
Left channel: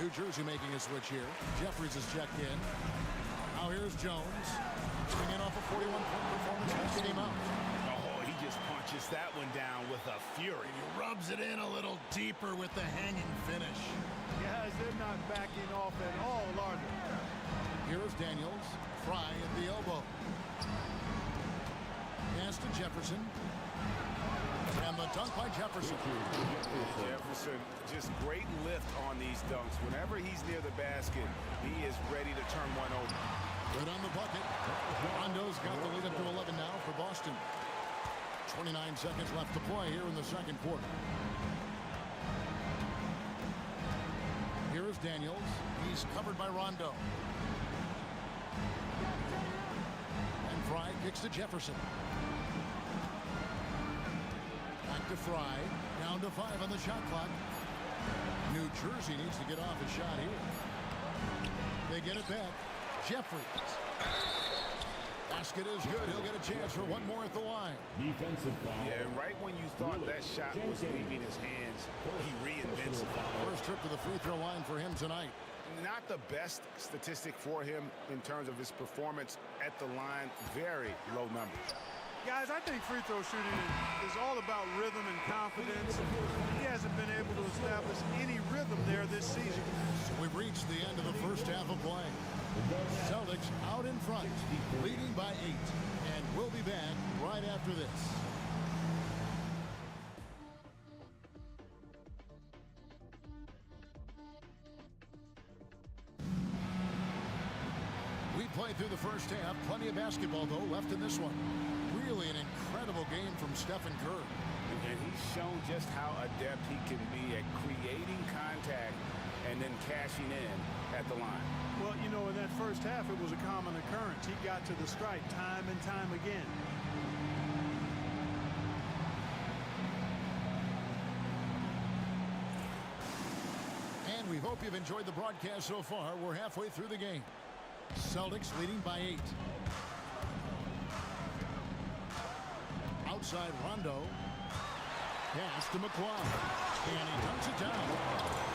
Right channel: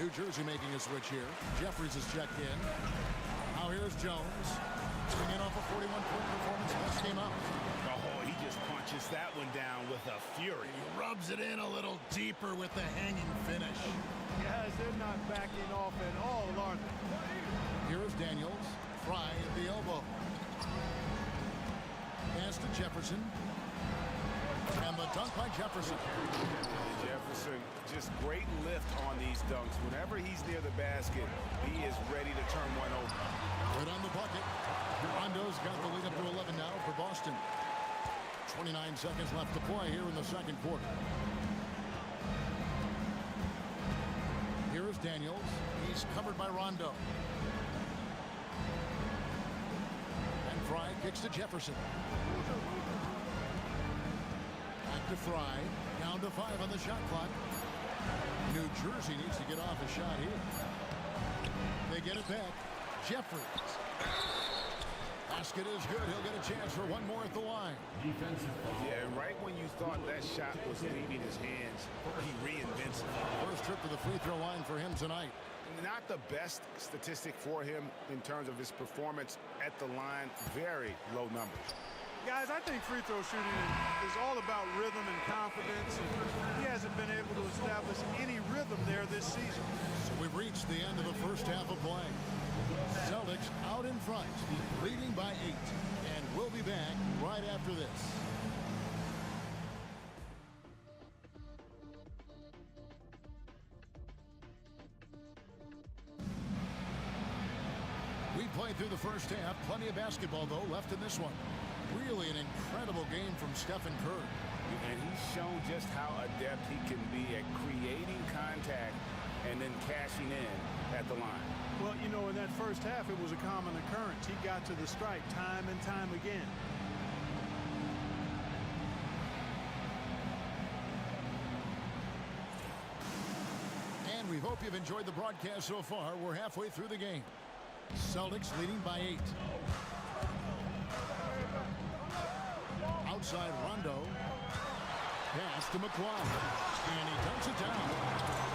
New Jersey making a switch here. Jeffries is checked in. Now here's Jones. Swinging off a 41-point performance last game out. Oh, he just punches that one down with a fury. He rubs it in a little deeper with the hanging finish. Guys, they're not backing off at all, are they? Here is Daniels. Fry at the elbow. Pass to Jefferson. And the dunk by Jefferson. And Jefferson, just great lift on these dunks. Whenever he's near the basket, he is ready to turn one over. Good on the bucket. Rondo's got the lead up to 11 now for Boston. 29 seconds left to play here in the second quarter. Here is Daniels. He's covered by Rondo. And Fry kicks to Jefferson. Back to Fry. Down to 5 on the shot clock. New Jersey needs to get off a shot here. They get it back. Jeffries. Basket is good. He'll get a chance for one more at the line. Defensive foul. Yeah, and right when you thought that shot was leaving his hands, he reinvents it. First trip to the free throw line for him tonight. Not the best statistic for him in terms of his performance at the line. Very low numbers. Guys, I think free throw shooting is all about rhythm and confidence. And he hasn't been able to establish any rhythm there this season. So we've reached the end of the first half of play. Celtics out in front, leading by 8. And we'll be back right after this. We played through the first half. Plenty of basketball, though, left in this one. Really an incredible game from Stephen Curry. And he's shown just how adept he can be at creating contact and then cashing in at the line. Well, you know, in that first half, it was a common occurrence. He got to the stripe time and time again. And we hope you've enjoyed the broadcast so far. We're halfway through the game. Celtics leading by 8. Outside Rondo. Pass to McCloud. And he dunks it down.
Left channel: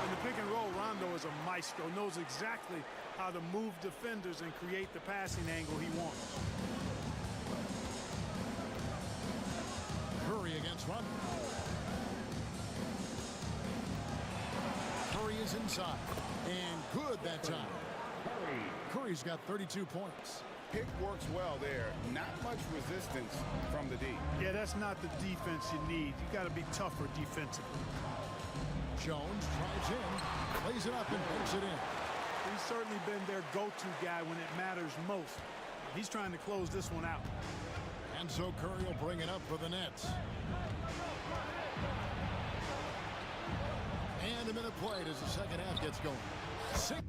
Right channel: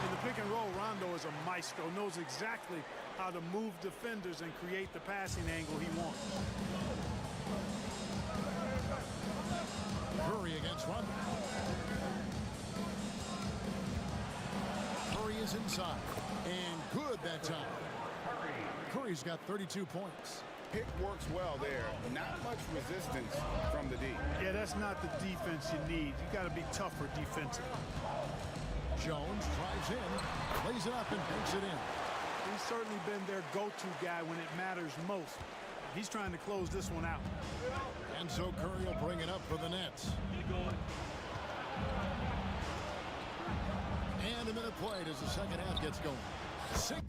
In the pick and roll, Rondo is a maestro, knows exactly how to move defenders and create the passing angle he wants. Curry against Rondo. Curry is inside. And good that time. Curry's got 32 points. Pick works well there. Not much resistance from the D. Yeah, that's not the defense you need. You got to be tougher defensively. Jones drives in, plays it up, and banks it in. He's certainly been their go-to guy when it matters most. He's trying to close this one out. And so Curry will bring it up for the Nets. And a minute played as the second half gets going. 6.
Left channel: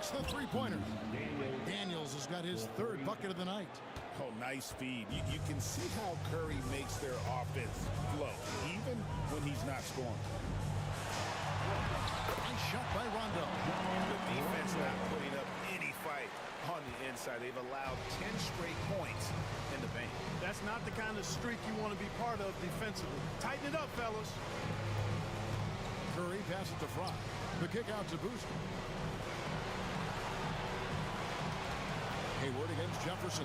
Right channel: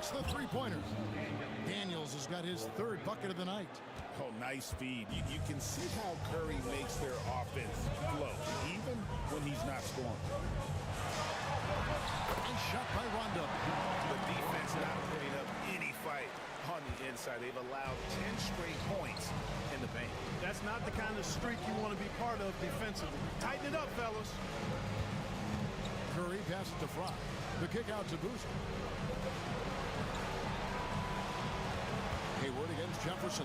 The three-pointer. Daniels has got his third bucket of the night. Oh, nice feed. You can see how Curry makes their offense flow, even when he's not scoring. Nice shot by Rondo. The defense not putting up any fight on the inside. They've allowed 10 straight points in the paint. That's not the kind of streak you want to be part of defensively. Tighten it up, fellas. Curry passes to Fry. The kick out to Booster. Hayward against Jefferson.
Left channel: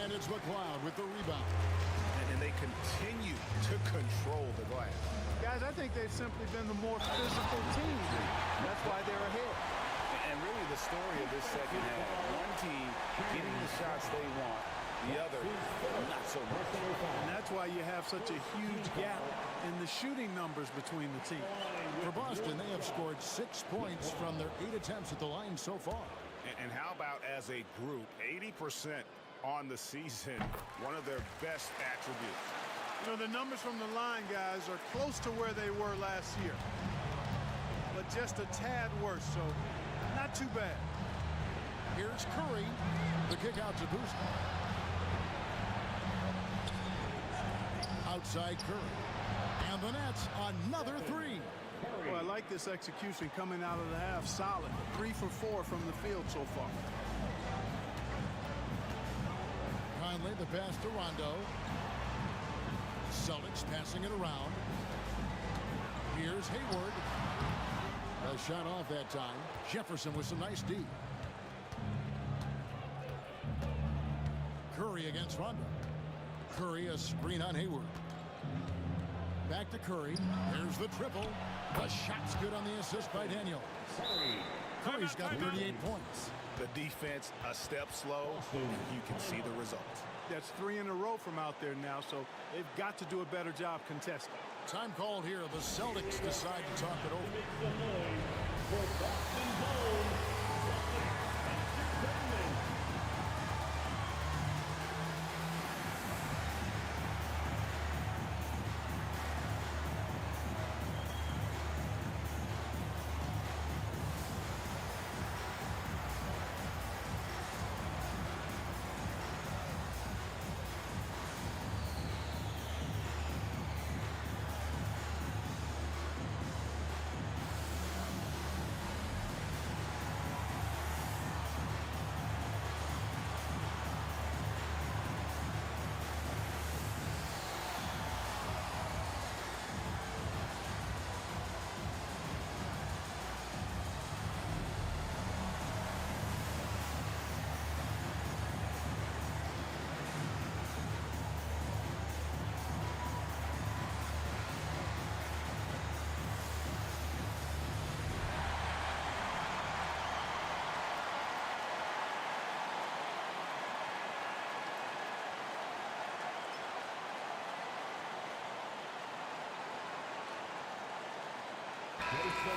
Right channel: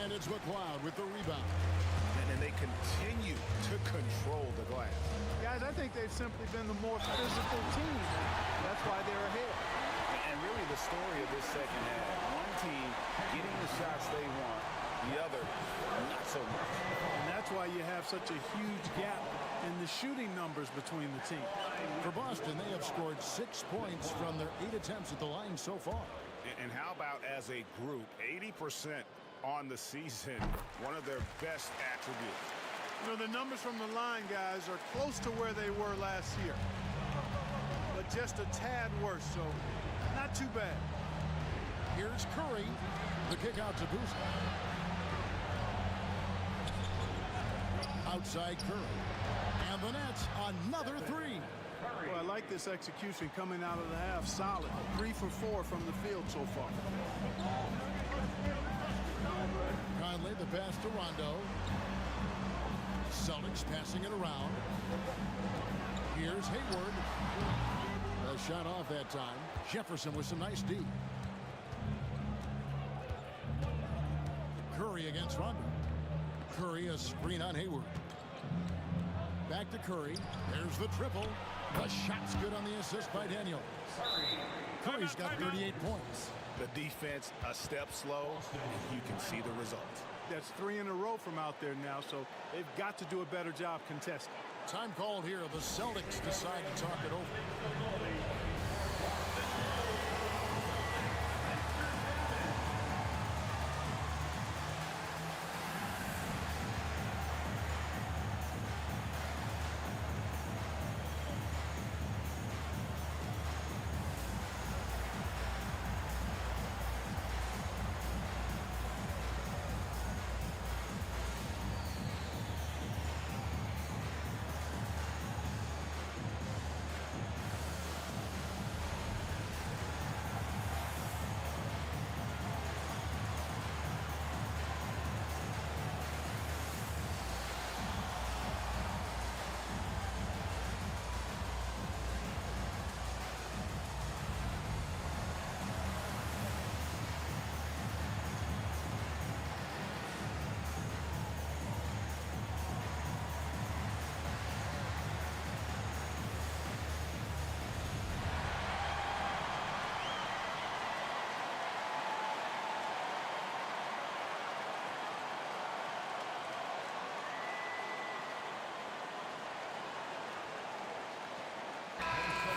And it's McCloud with the rebound. And they continue to control the glass. Guys, I think they've simply been the more physical team. That's why they're ahead. And really the story of this second half, one team getting the shots they want, the other not so much. And that's why you have such a huge gap in the shooting numbers between the teams. For Boston, they have scored 6 points from their 8 attempts at the line so far. And how about as a group, 80% on the season, one of their best attributes. You know, the numbers from the line, guys, are close to where they were last year. But just a tad worse, so not too bad. Here's Curry. The kick out to Boozer. Outside Curry. And the Nets, another three. Well, I like this execution coming out of the half. Solid. 3 for 4 from the field so far. Conley, the pass to Rondo. Celtics passing it around. Here's Hayward. A shot off that time. Jefferson with some nice D. Curry against Rondo. Curry, a screen on Hayward. Back to Curry. There's the triple. The shot's good on the assist by Daniel. Curry's got 38 points. The defense a step slow, and you can see the results. That's 3 in a row from out there now, so they've got to do a better job contesting. Time called here. The Celtics decide to talk it over.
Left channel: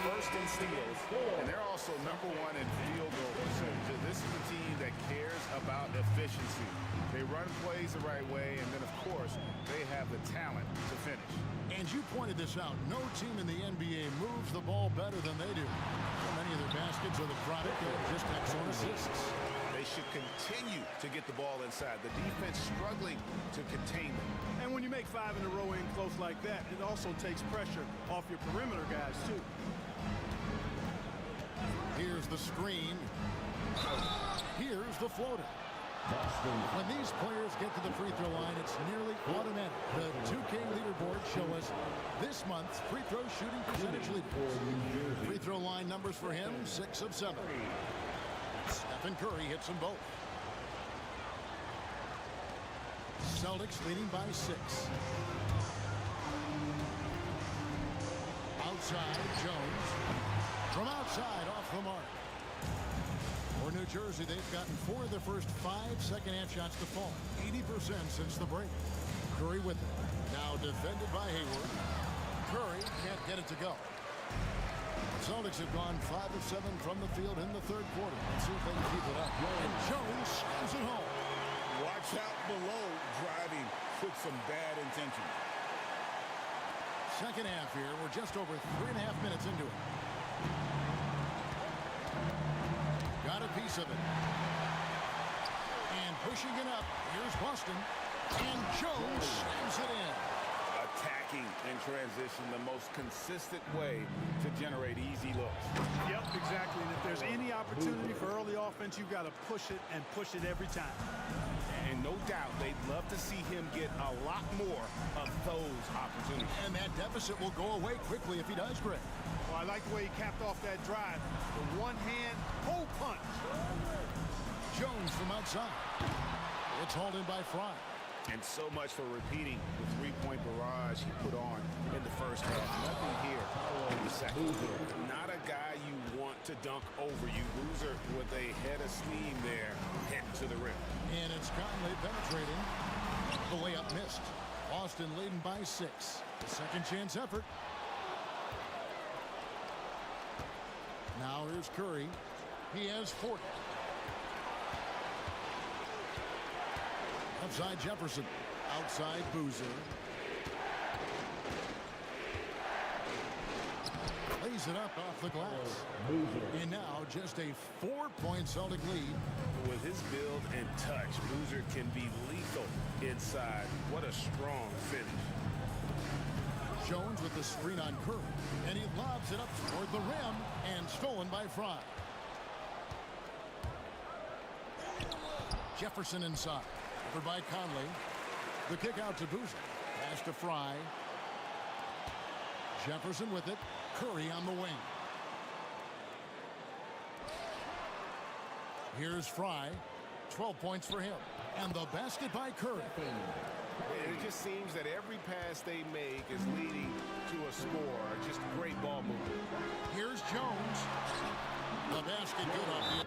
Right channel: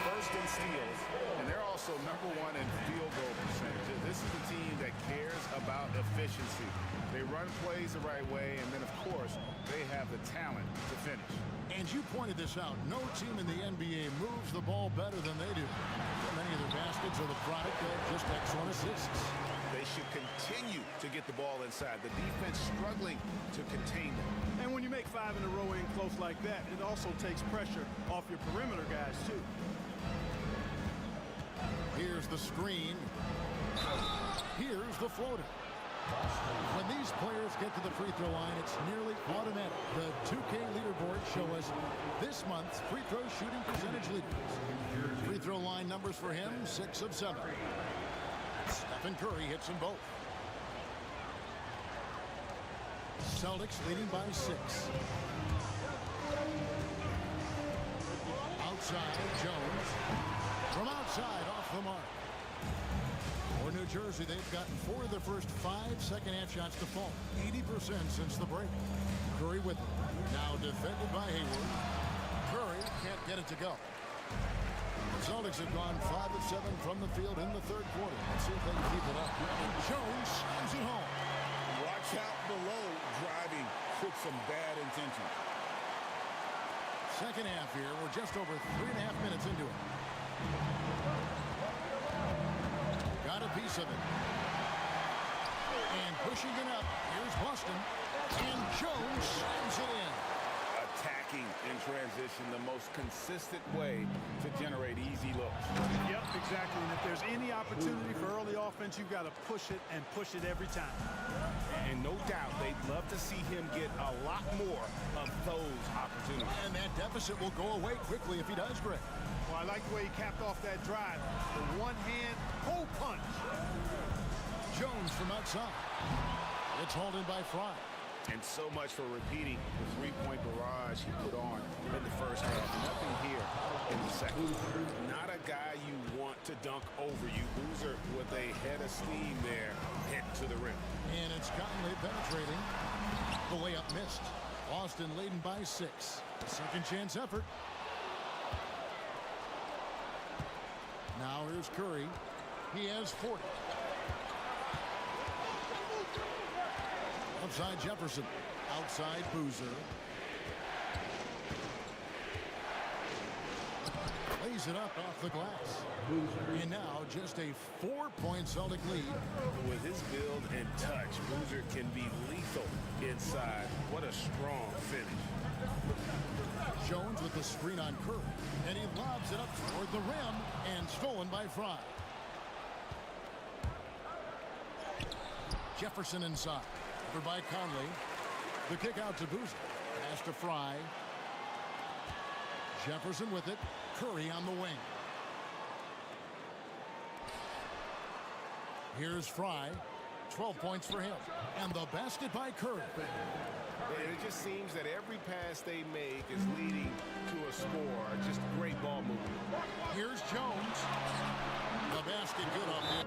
First in steals, and they're also #1 in field goal percentage. This is a team that cares about efficiency. They run plays the right way, and then, of course, they have the talent to finish. And you pointed this out. No team in the NBA moves the ball better than they do. So many of their baskets are the product of just excellent assists. They should continue to get the ball inside. The defense struggling to contain them. And when you make 5 in a row in close like that, it also takes pressure off your perimeter guys, too. Here's the screen. Here's the floater. When these players get to the free throw line, it's nearly automatic. The 2K leaderboards show us this month's free throw shooting percentage leaders. Free throw line numbers for him, 6 of 7. Stephen Curry hits them both. Celtics leading by 6. Outside, Jones. From outside, off the mark. For New Jersey, they've gotten 4 of their first 5 second-half shots to fall. 80% since the break. Curry with it. Now defended by Hayward. Curry can't get it to go. The Celtics have gone 5 of 7 from the field in the third quarter. Let's see if they can keep it up. And Jones slams it home. Watch out below, driving with some bad intentions. Second half here. We're just over 3.5 minutes into it. Got a piece of it. And pushing it up. Here's Boston. And Jones slams it in. Attacking in transition, the most consistent way to generate easy looks. Yep, exactly. And if there's any opportunity for early offense, you've got to push it and push it every time. And no doubt they'd love to see him get a lot more of those opportunities. And that deficit will go away quickly if he does, Greg. Well, I like the way he capped off that drive. The one-hand hole punch. Jones from outside. It's hauled in by Fry. And so much for repeating the three-point barrage he put on in the first half. Nothing here in the second. Not a guy you want to dunk over you. Boozer with a head of steam there, heading to the rim. And it's Conley penetrating. The layup missed. Boston leading by 6. A second chance effort. Now here's Curry. He has 40. Outside Jefferson. Outside Boozer. tees it up off the glass. And now just a 4-point Celtic lead. With his build and touch, Boozer can be lethal inside. What a strong finish. Jones with the screen on Curry. And he lobs it up toward the rim and stolen by Fry. Jefferson inside. Covered by Conley. The kick out to Boozer. Pass to Fry. Jefferson with it. Curry on the wing. Here's Fry. 12 points for him. And the basket by Curry. And it just seems that every pass they make is leading to a score. Just great ball movement. Here's Jones. The basket good off the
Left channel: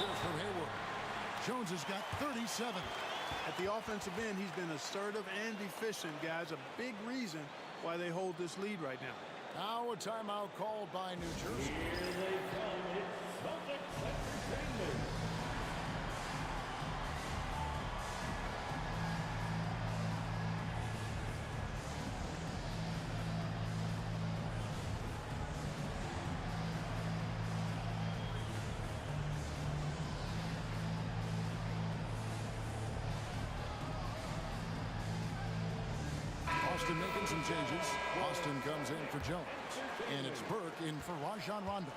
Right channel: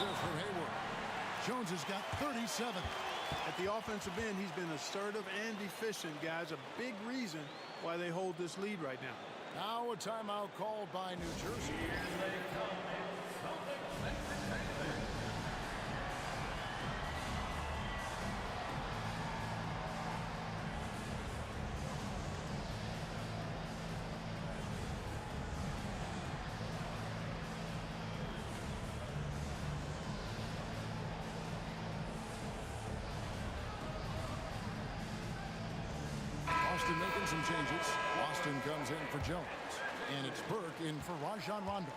assist from Hayward. Jones has got 37. At the offensive end, he's been assertive and efficient, guys. A big reason why they hold this lead right now. Now a timeout called by New Jersey. Austin making some changes. Austin comes in for Jones. And it's Burke in for Rajon Rondo.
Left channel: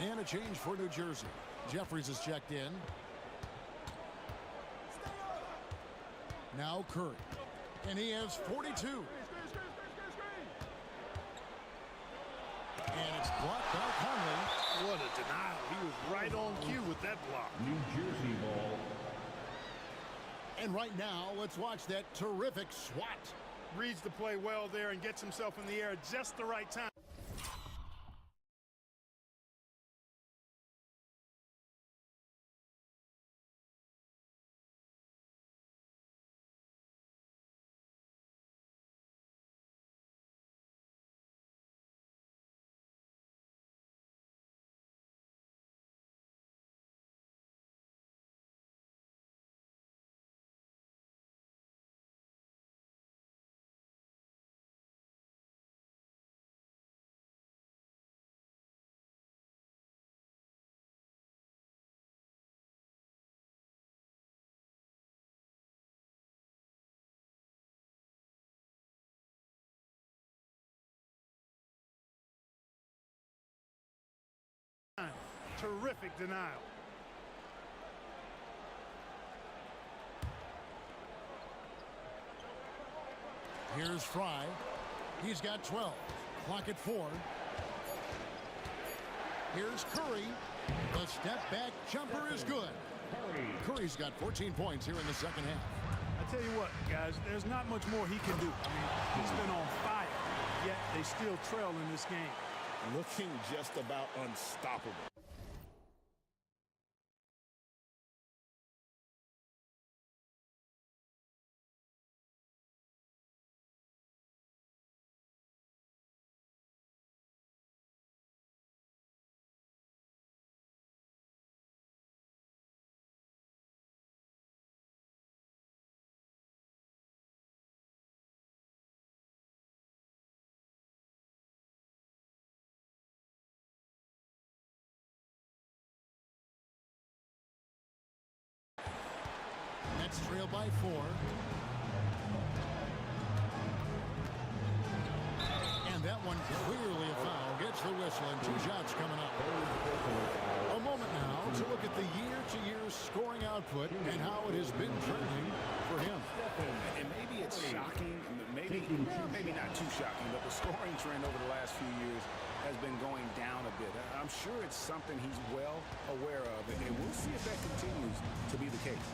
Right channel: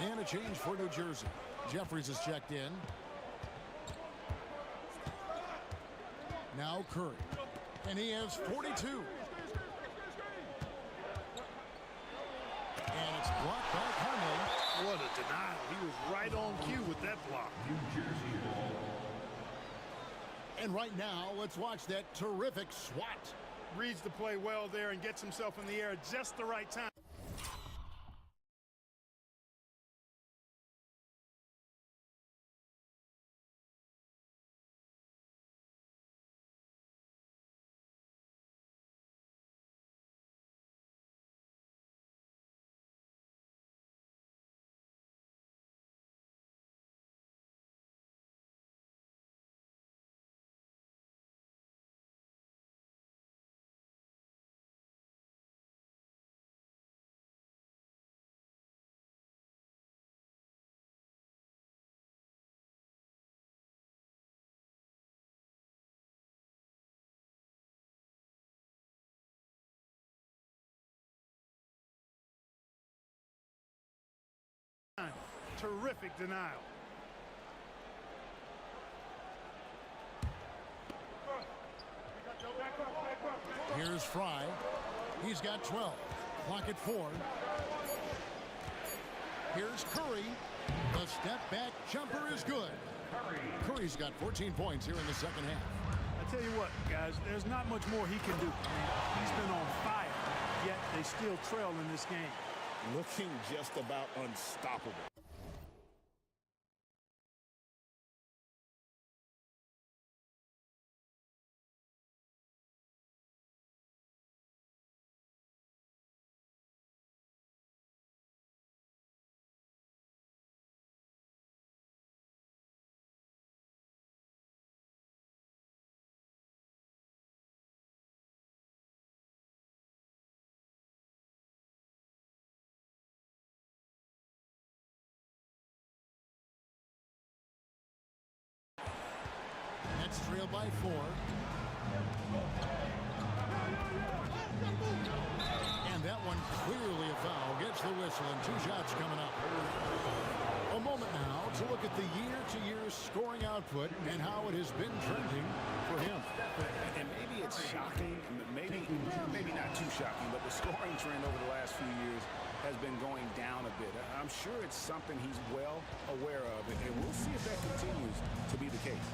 And a change for New Jersey. Jeffries is checked in. Now Curry. And he has 42. And it's blocked by Conley. What a denial. He was right on cue with that block. New Jersey ball. And right now, let's watch that terrific swat. Reads the play well there and gets himself in the air at just the right time. Terrific denial. Here's Fry. He's got 12. Clock at 4. Here's Curry. The step back jumper is good. Curry's got 14 points here in the second half. I tell you what, guys, there's not much more he can do. I mean, he's been on fire, yet they still trail in this game. Looking just about unstoppable. Nets trail by 4. And that one clearly a foul. Gets the whistle and 2 shots coming up. A moment now to look at the year-to-year scoring output and how it has been trending for him. And maybe it's shocking, maybe not too shocking, but the scoring trend over the last few years has been going down a bit. I'm sure it's something he's well aware of, and we'll see if that continues to be the case.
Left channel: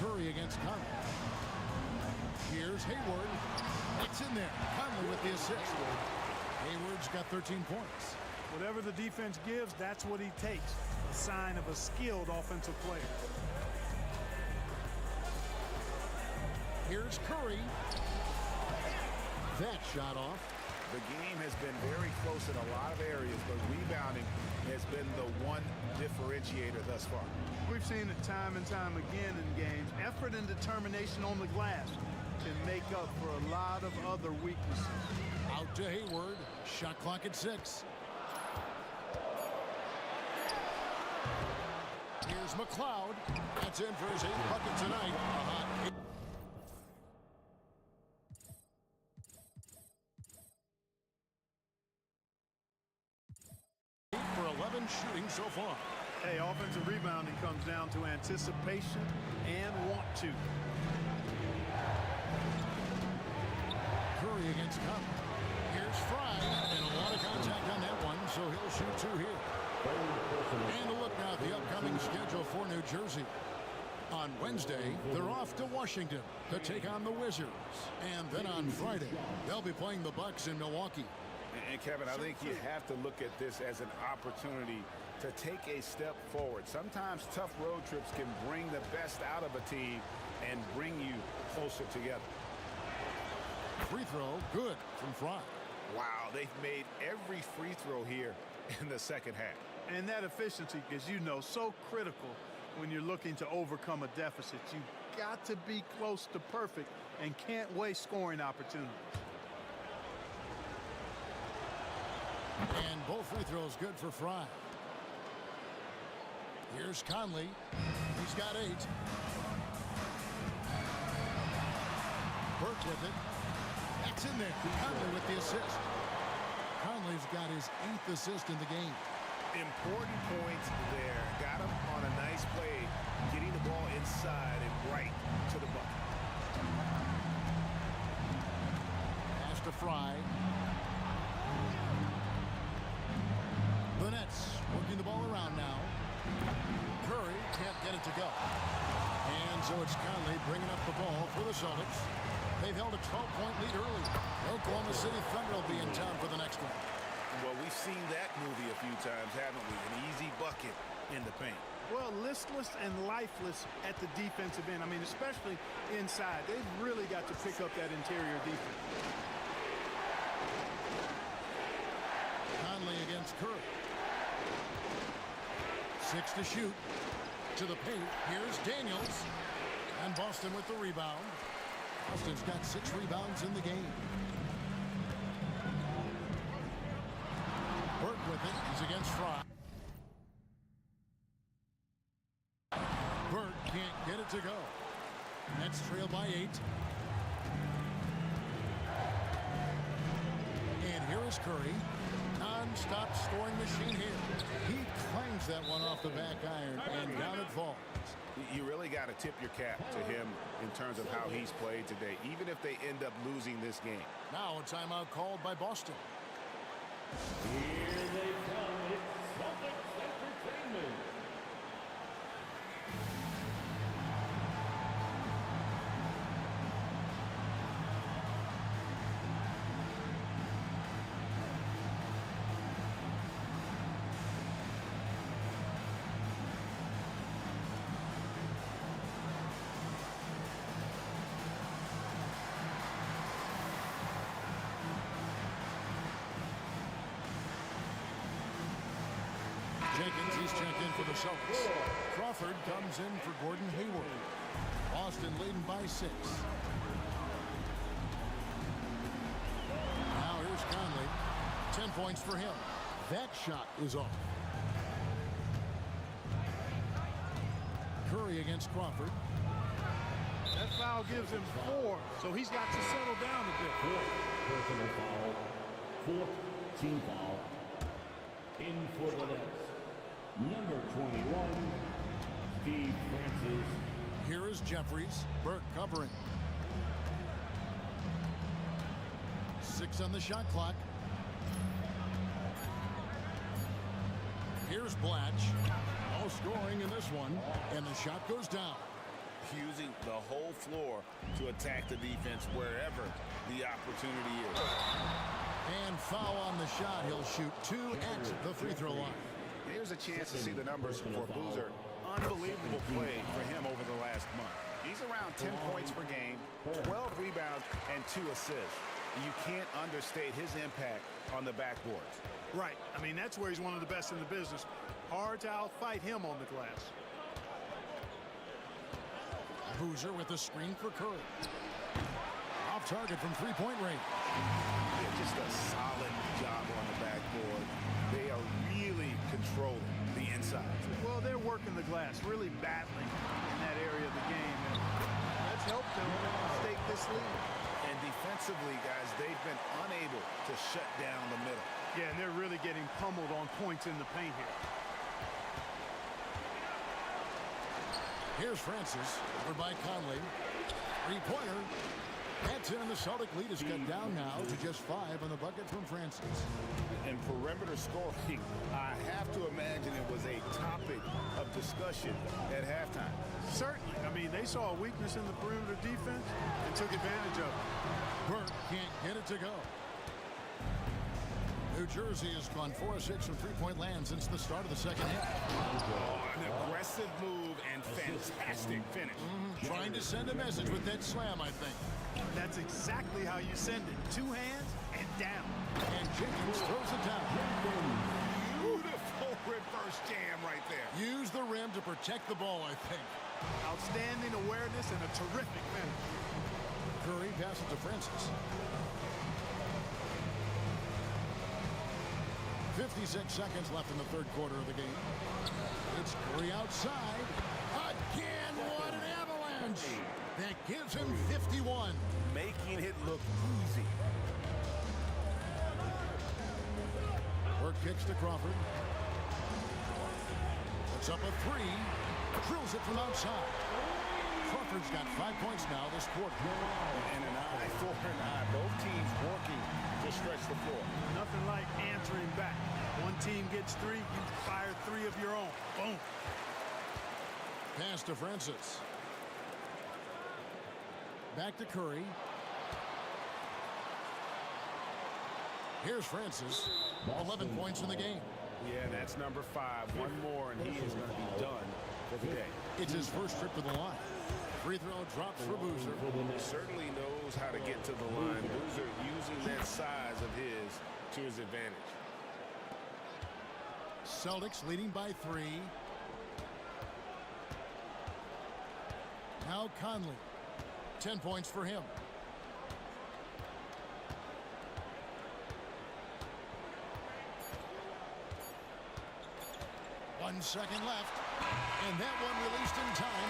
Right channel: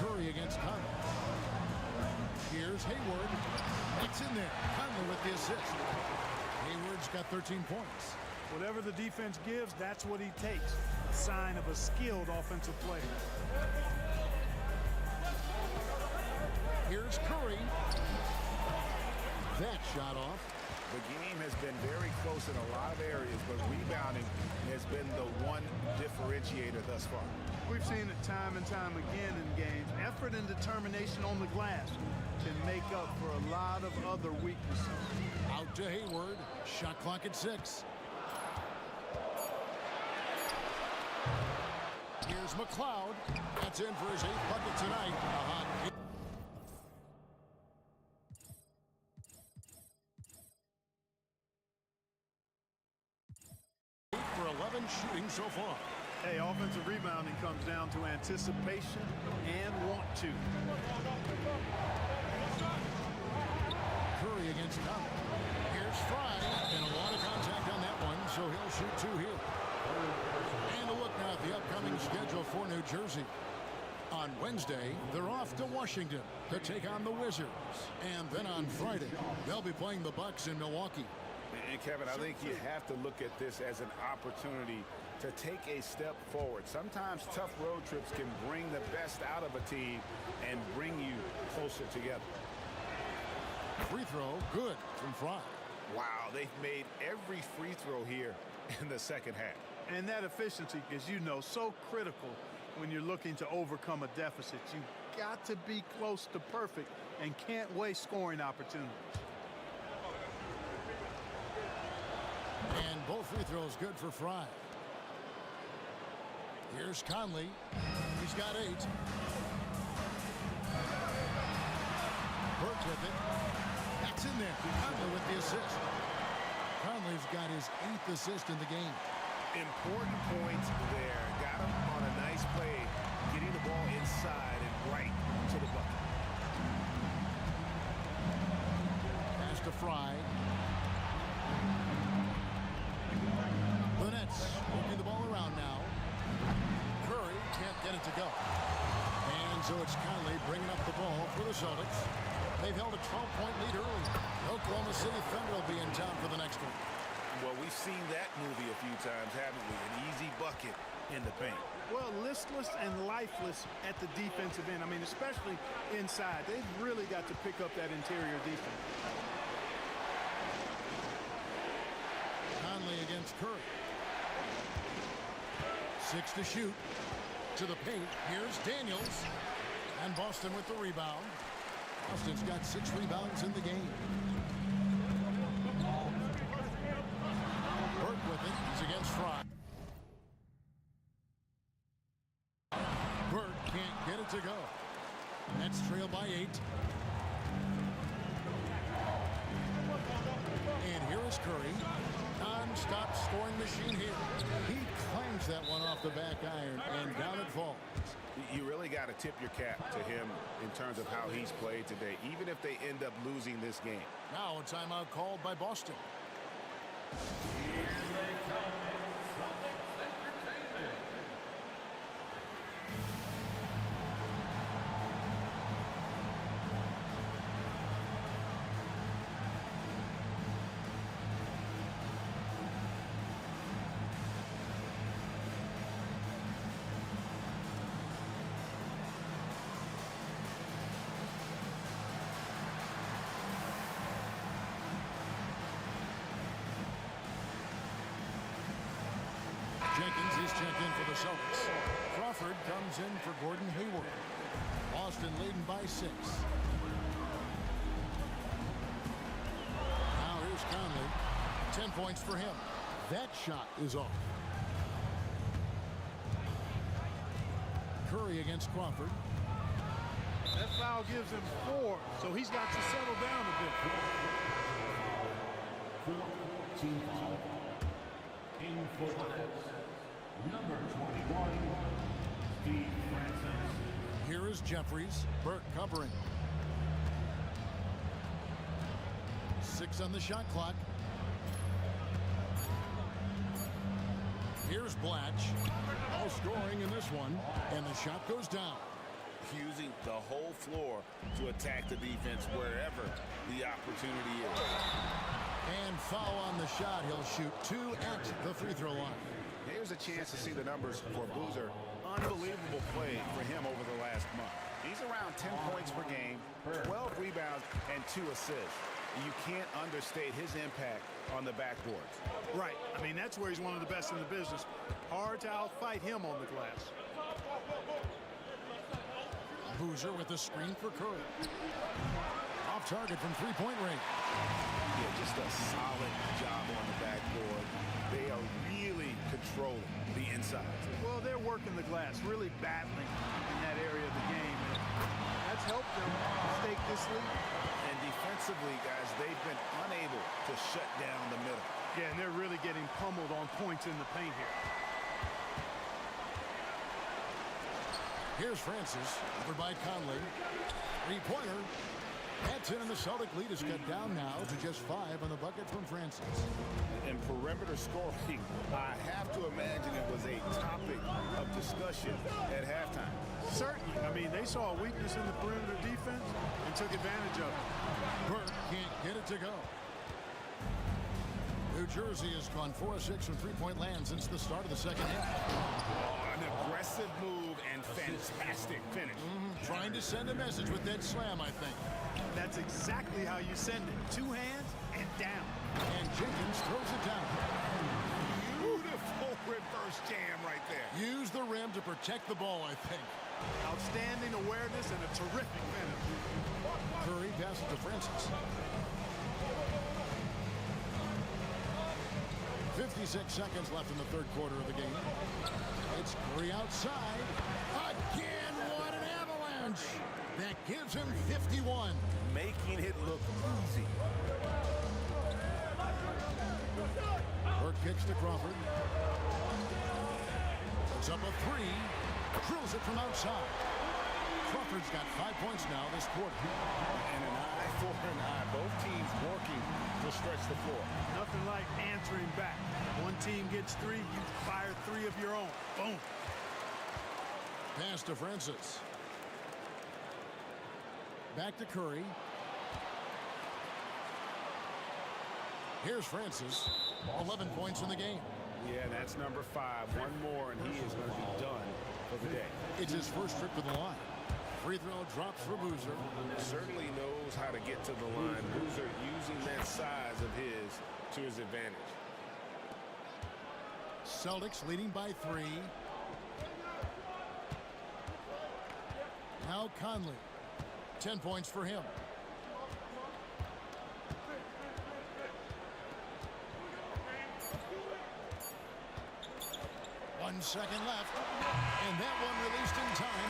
Curry against Conley. Here's Hayward. It's in there. Conley with the assist. Hayward's got 13 points. Whatever the defense gives, that's what he takes. A sign of a skilled offensive player. Here's Curry. That shot off. The game has been very close in a lot of areas, but rebounding has been the one differentiator thus far. We've seen it time and time again in games. Effort and determination on the glass can make up for a lot of other weaknesses. Out to Hayward. Shot clock at 6. Here's McLeod. That's in for his 8th bucket tonight. A hot 8. For 11 shooting so far. Hey, offensive rebounding comes down to anticipation and want to. Curry against Conley. Here's Fry, and a lot of contact on that one, so he'll shoot 2 here. And a look now at the upcoming schedule for New Jersey. On Wednesday, they're off to Washington to take on the Wizards. And then on Friday, they'll be playing the Bucks in Milwaukee. And Kevin, I think you have to look at this as an opportunity to take a step forward. Sometimes tough road trips can bring the best out of a team and bring you closer together. Free throw, good from Fry. Wow, they've made every free throw here in the second half. And that efficiency is, so critical when you're looking to overcome a deficit. You've got to be close to perfect and can't waste scoring opportunities. And both free throws good for Fry. Here's Conley. He's got 8. Burke with it. That's in there. Conley with the assist. Conley's got his 8th assist in the game. Important points there. Got him on a nice play, getting the ball inside and right to the bucket. Pass to Fry. The Nets working the ball around now. Curry can't get it to go. And so it's Conley bringing up the ball for the Celtics. They've held a 12-point lead early. The Oklahoma City Thunder will be in town for the next one. Well, we've seen that movie a few times, haven't we? An easy bucket in the paint. Well, listless and lifeless at the defensive end. I mean, especially inside. They've really got to pick up that interior defense. Conley against Curry. 6 to shoot. To the paint. Here's Daniels. And Boston with the rebound. Boston's got 6 rebounds in the game. Burke with it. He's against Fry. Burke can't get it to go. Nets trail by 8. And here is Curry. Non-stop scoring machine here. He clangs that one off the back iron, and down it falls. You really got to tip your cap to him in terms of how he's played today, even if they end up losing this game. Now a timeout called by Boston. Here they come. It's Celtics Entertainment. Jenkins, he's checked in for the Celtics. Crawford comes in for Gordon Hayward. Boston leading by 6. Now here's Conley. 10 points for him. That shot is off. Curry against Crawford. That foul gives him 4, so he's got to settle down a bit. Personal foul. 4th team foul. In for the Nets. Number 21, Steve Francis. Here is Jeffries. Burke covering. 6 on the shot clock. Here's Blatch. No scoring in this one. And the shot goes down. Using the whole floor to attack the defense wherever the opportunity is. And foul on the shot. He'll shoot 2 at the free throw line. Here's a chance to see the numbers for Boozer. Unbelievable play for him over the last month. He's around 10 points per game, 12 rebounds, and 2 assists. You can't understate his impact on the backboards. Right. I mean, that's where he's one of the best in the business. Hard to outfight him on the glass. Boozer with the screen for Curry. Off target from three-point range. Yeah, just a solid job on the backboard. They are really controlling the inside. Well, they're working the glass, really battling in that area of the game, and that's helped them stake this lead. And defensively, guys, they've been unable to shut down the middle. Yeah, and they're really getting pummeled on points in the paint here. Here's Francis, covered by Conley. Three-pointer. That's in, and the Celtic lead is cut down now to just 5 on the bucket from Francis. And perimeter scoring, I have to imagine it was a topic of discussion at halftime. Certainly. I mean, they saw a weakness in the perimeter defense and took advantage of it. Burke can't get it to go. New Jersey has gone 4 of 6 from three-point land since the start of the second half. Oh, an aggressive move and fantastic finish. Trying to send a message with that slam, I think. That's exactly how you send it. 2 hands and down. And Jenkins throws it down. Beautiful reverse jam right there. Use the rim to protect the ball, I think. Outstanding awareness and a terrific finish. Curry passes to Francis. 56 seconds left in the third quarter of the game. It's Curry outside. Again, what an avalanche. That gives him 51. Making it look easy. Burke kicks to Crawford. Puts up a 3. Drills it from outside. Crawford's got 5 points now this quarter. And an eye for an eye. Both teams working to stretch the floor. Nothing like answering back. One team gets 3, you fire 3 of your own. Boom. Pass to Francis. Back to Curry. Here's Francis. 11 points in the game. Yeah, and that's number 5. One more, and he is going to be done for the day. It's his first trip to the line. Free throw drops for Boozer. Certainly knows how to get to the line. Boozer using that size of his to his advantage. Celtics leading by 3. Now Conley. 10 points for him. One second left. And that one released in time.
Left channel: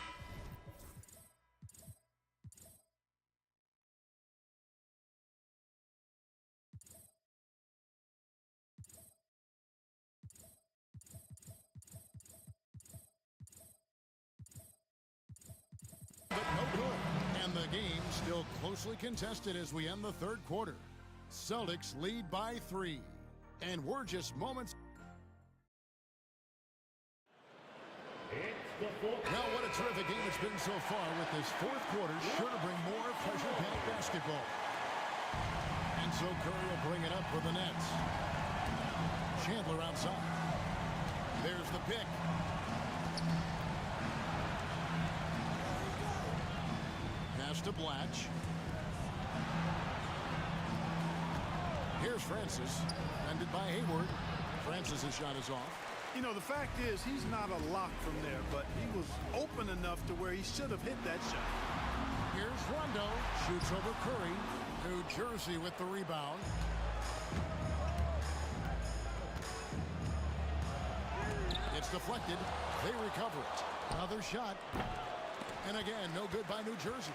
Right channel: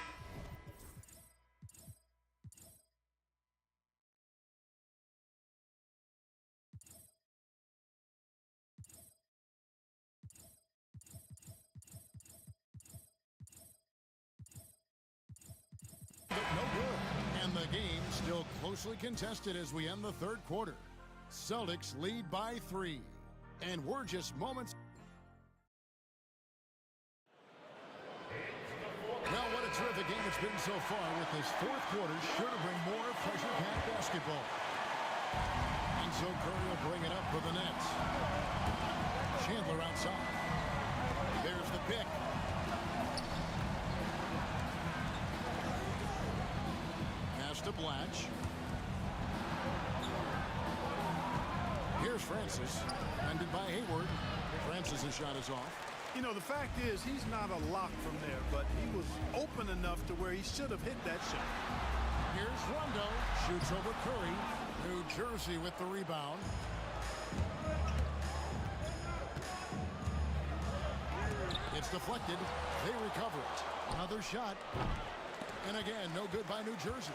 But no good. And the game still closely contested as we end the third quarter. Celtics lead by 3. And we're just moments. Well, what a terrific game it's been so far, with this fourth quarter sure to bring more pressure-packed basketball. And so Curry will bring it up for the Nets. Chandler outside. There's the pick. Pass to Blatch. Here's Francis. Ended by Hayward. Francis' shot is off. You know, the fact is, he's not a lock from there, but he was open enough to where he should have hit that shot. Here's Rondo. Shoots over Curry. New Jersey with the rebound. It's deflected. They recover it. Another shot. And again, no good by New Jersey.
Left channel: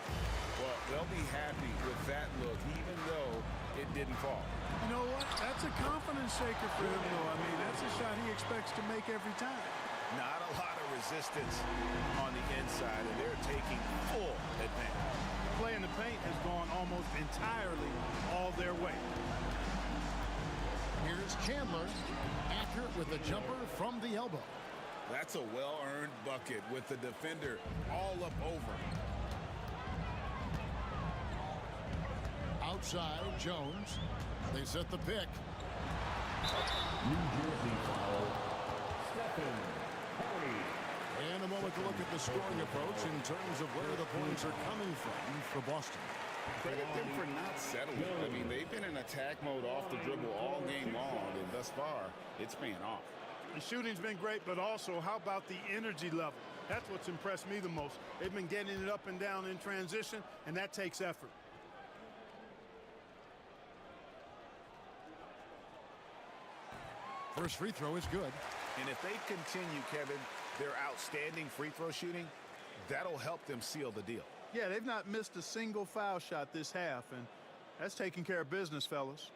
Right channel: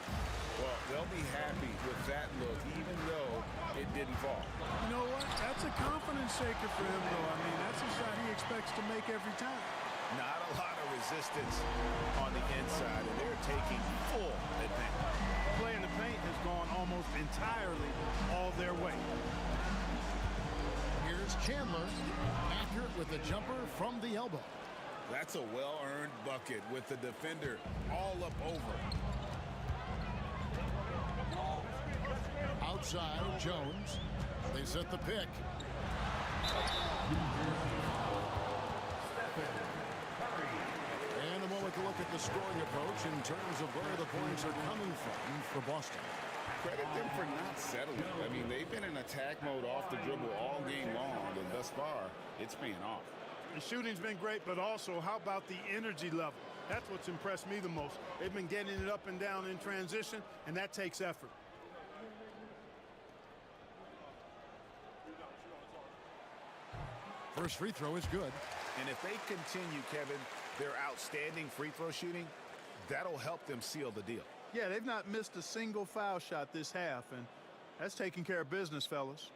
Well, they'll be happy with that look, even though it didn't fall. You know what? That's a confidence shaker for him, though. I mean, that's a shot he expects to make every time. Not a lot of resistance on the inside, and they're taking full advantage. Play in the paint has gone almost entirely all their way. Here's Chandler. Accurate with the jumper from the elbow. That's a well-earned bucket with the defender all up over. Outside, Jones. They set the pick. New Jersey foul. Stephen Curry. And a moment to look at the scoring approach in terms of where the points are coming from for Boston. Credit them for not settling. I mean, they've been in attack mode off the dribble all game long, and thus far, it's paying off. The shooting's been great, but also, how about the energy level? That's what's impressed me the most. They've been getting it up and down in transition, and that takes effort. First free throw is good. And if they continue, Kevin, their outstanding free throw shooting, that'll help them seal the deal. Yeah, they've not missed a single foul shot this half, and that's taking care of business, fellas.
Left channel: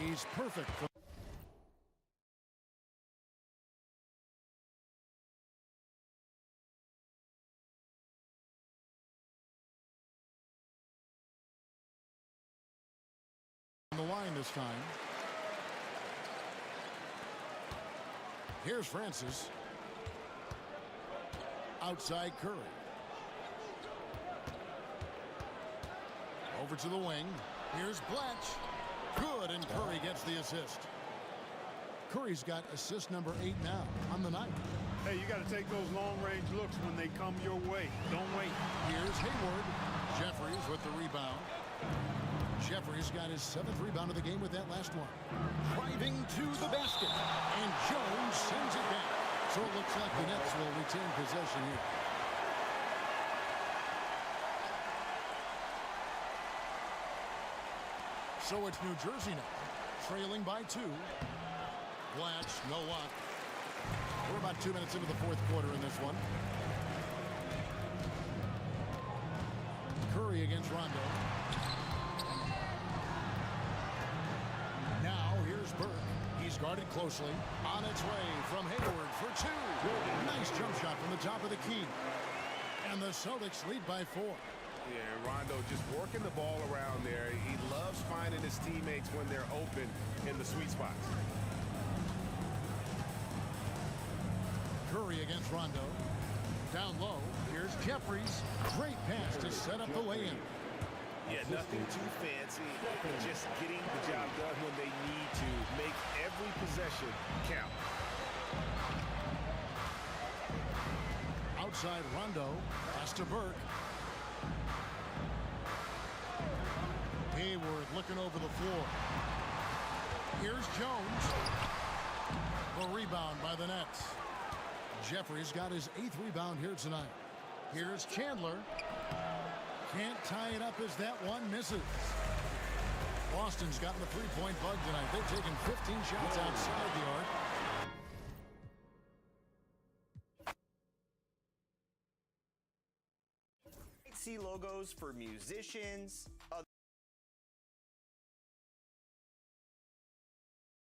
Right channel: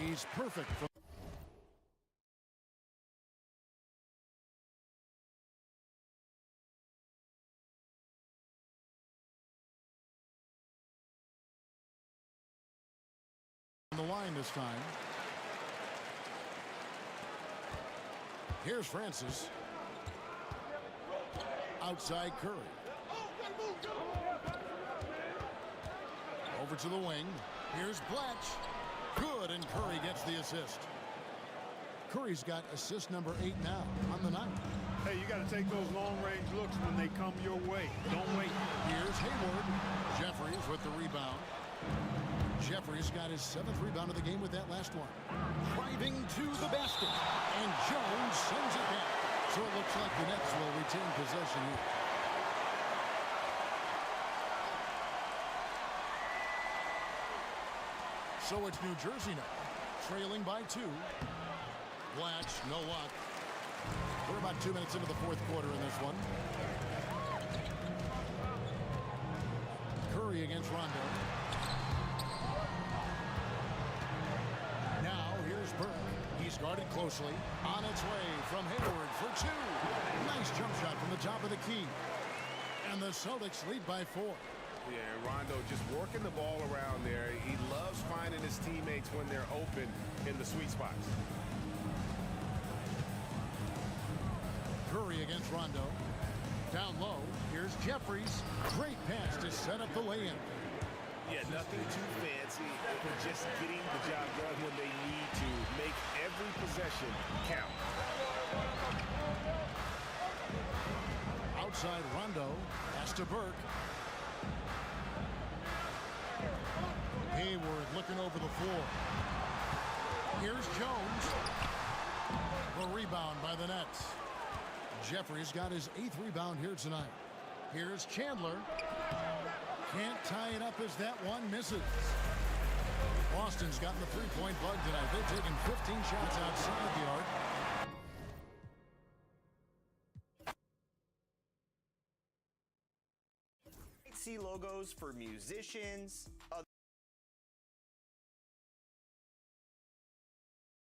He's perfect for on the line this time. Here's Francis. Outside Curry. Over to the wing. Here's Blatch. Good, and Curry gets the assist. Curry's got assist number 8 now on the night. Hey, you got to take those long-range looks when they come your way. Don't wait. Here's Hayward. Jeffries with the rebound. Jeffries got his 7th rebound of the game with that last one. Driving to the basket. And Jones sends it back. So it looks like the Nets will retain possession here. So it's New Jersey now, trailing by 2. Blatch, no luck. We're about 2 minutes into the 4th quarter in this one. Curry against Rondo. Now here's Burke. He's guarded closely. On its way from Hayward for 2. Nice jump shot from the top of the key. And the Celtics lead by 4. Yeah, and Rondo just working the ball around there. He loves finding his teammates when they're open in the sweet spots. Curry against Rondo. Down low, here's Jeffries. Great pass to set up the lay-in. Yeah, nothing too fancy. Just getting the job done when they need to. Make every possession count. Outside Rondo. Pass to Burke. Hayward looking over the floor. Here's Jones. The rebound by the Nets. Jeffries got his 8th rebound here tonight. Here's Chandler. Can't tie it up as that one misses. Boston's gotten the three-point bug tonight. They've taken 15 shots outside the arc. See logos for musicians,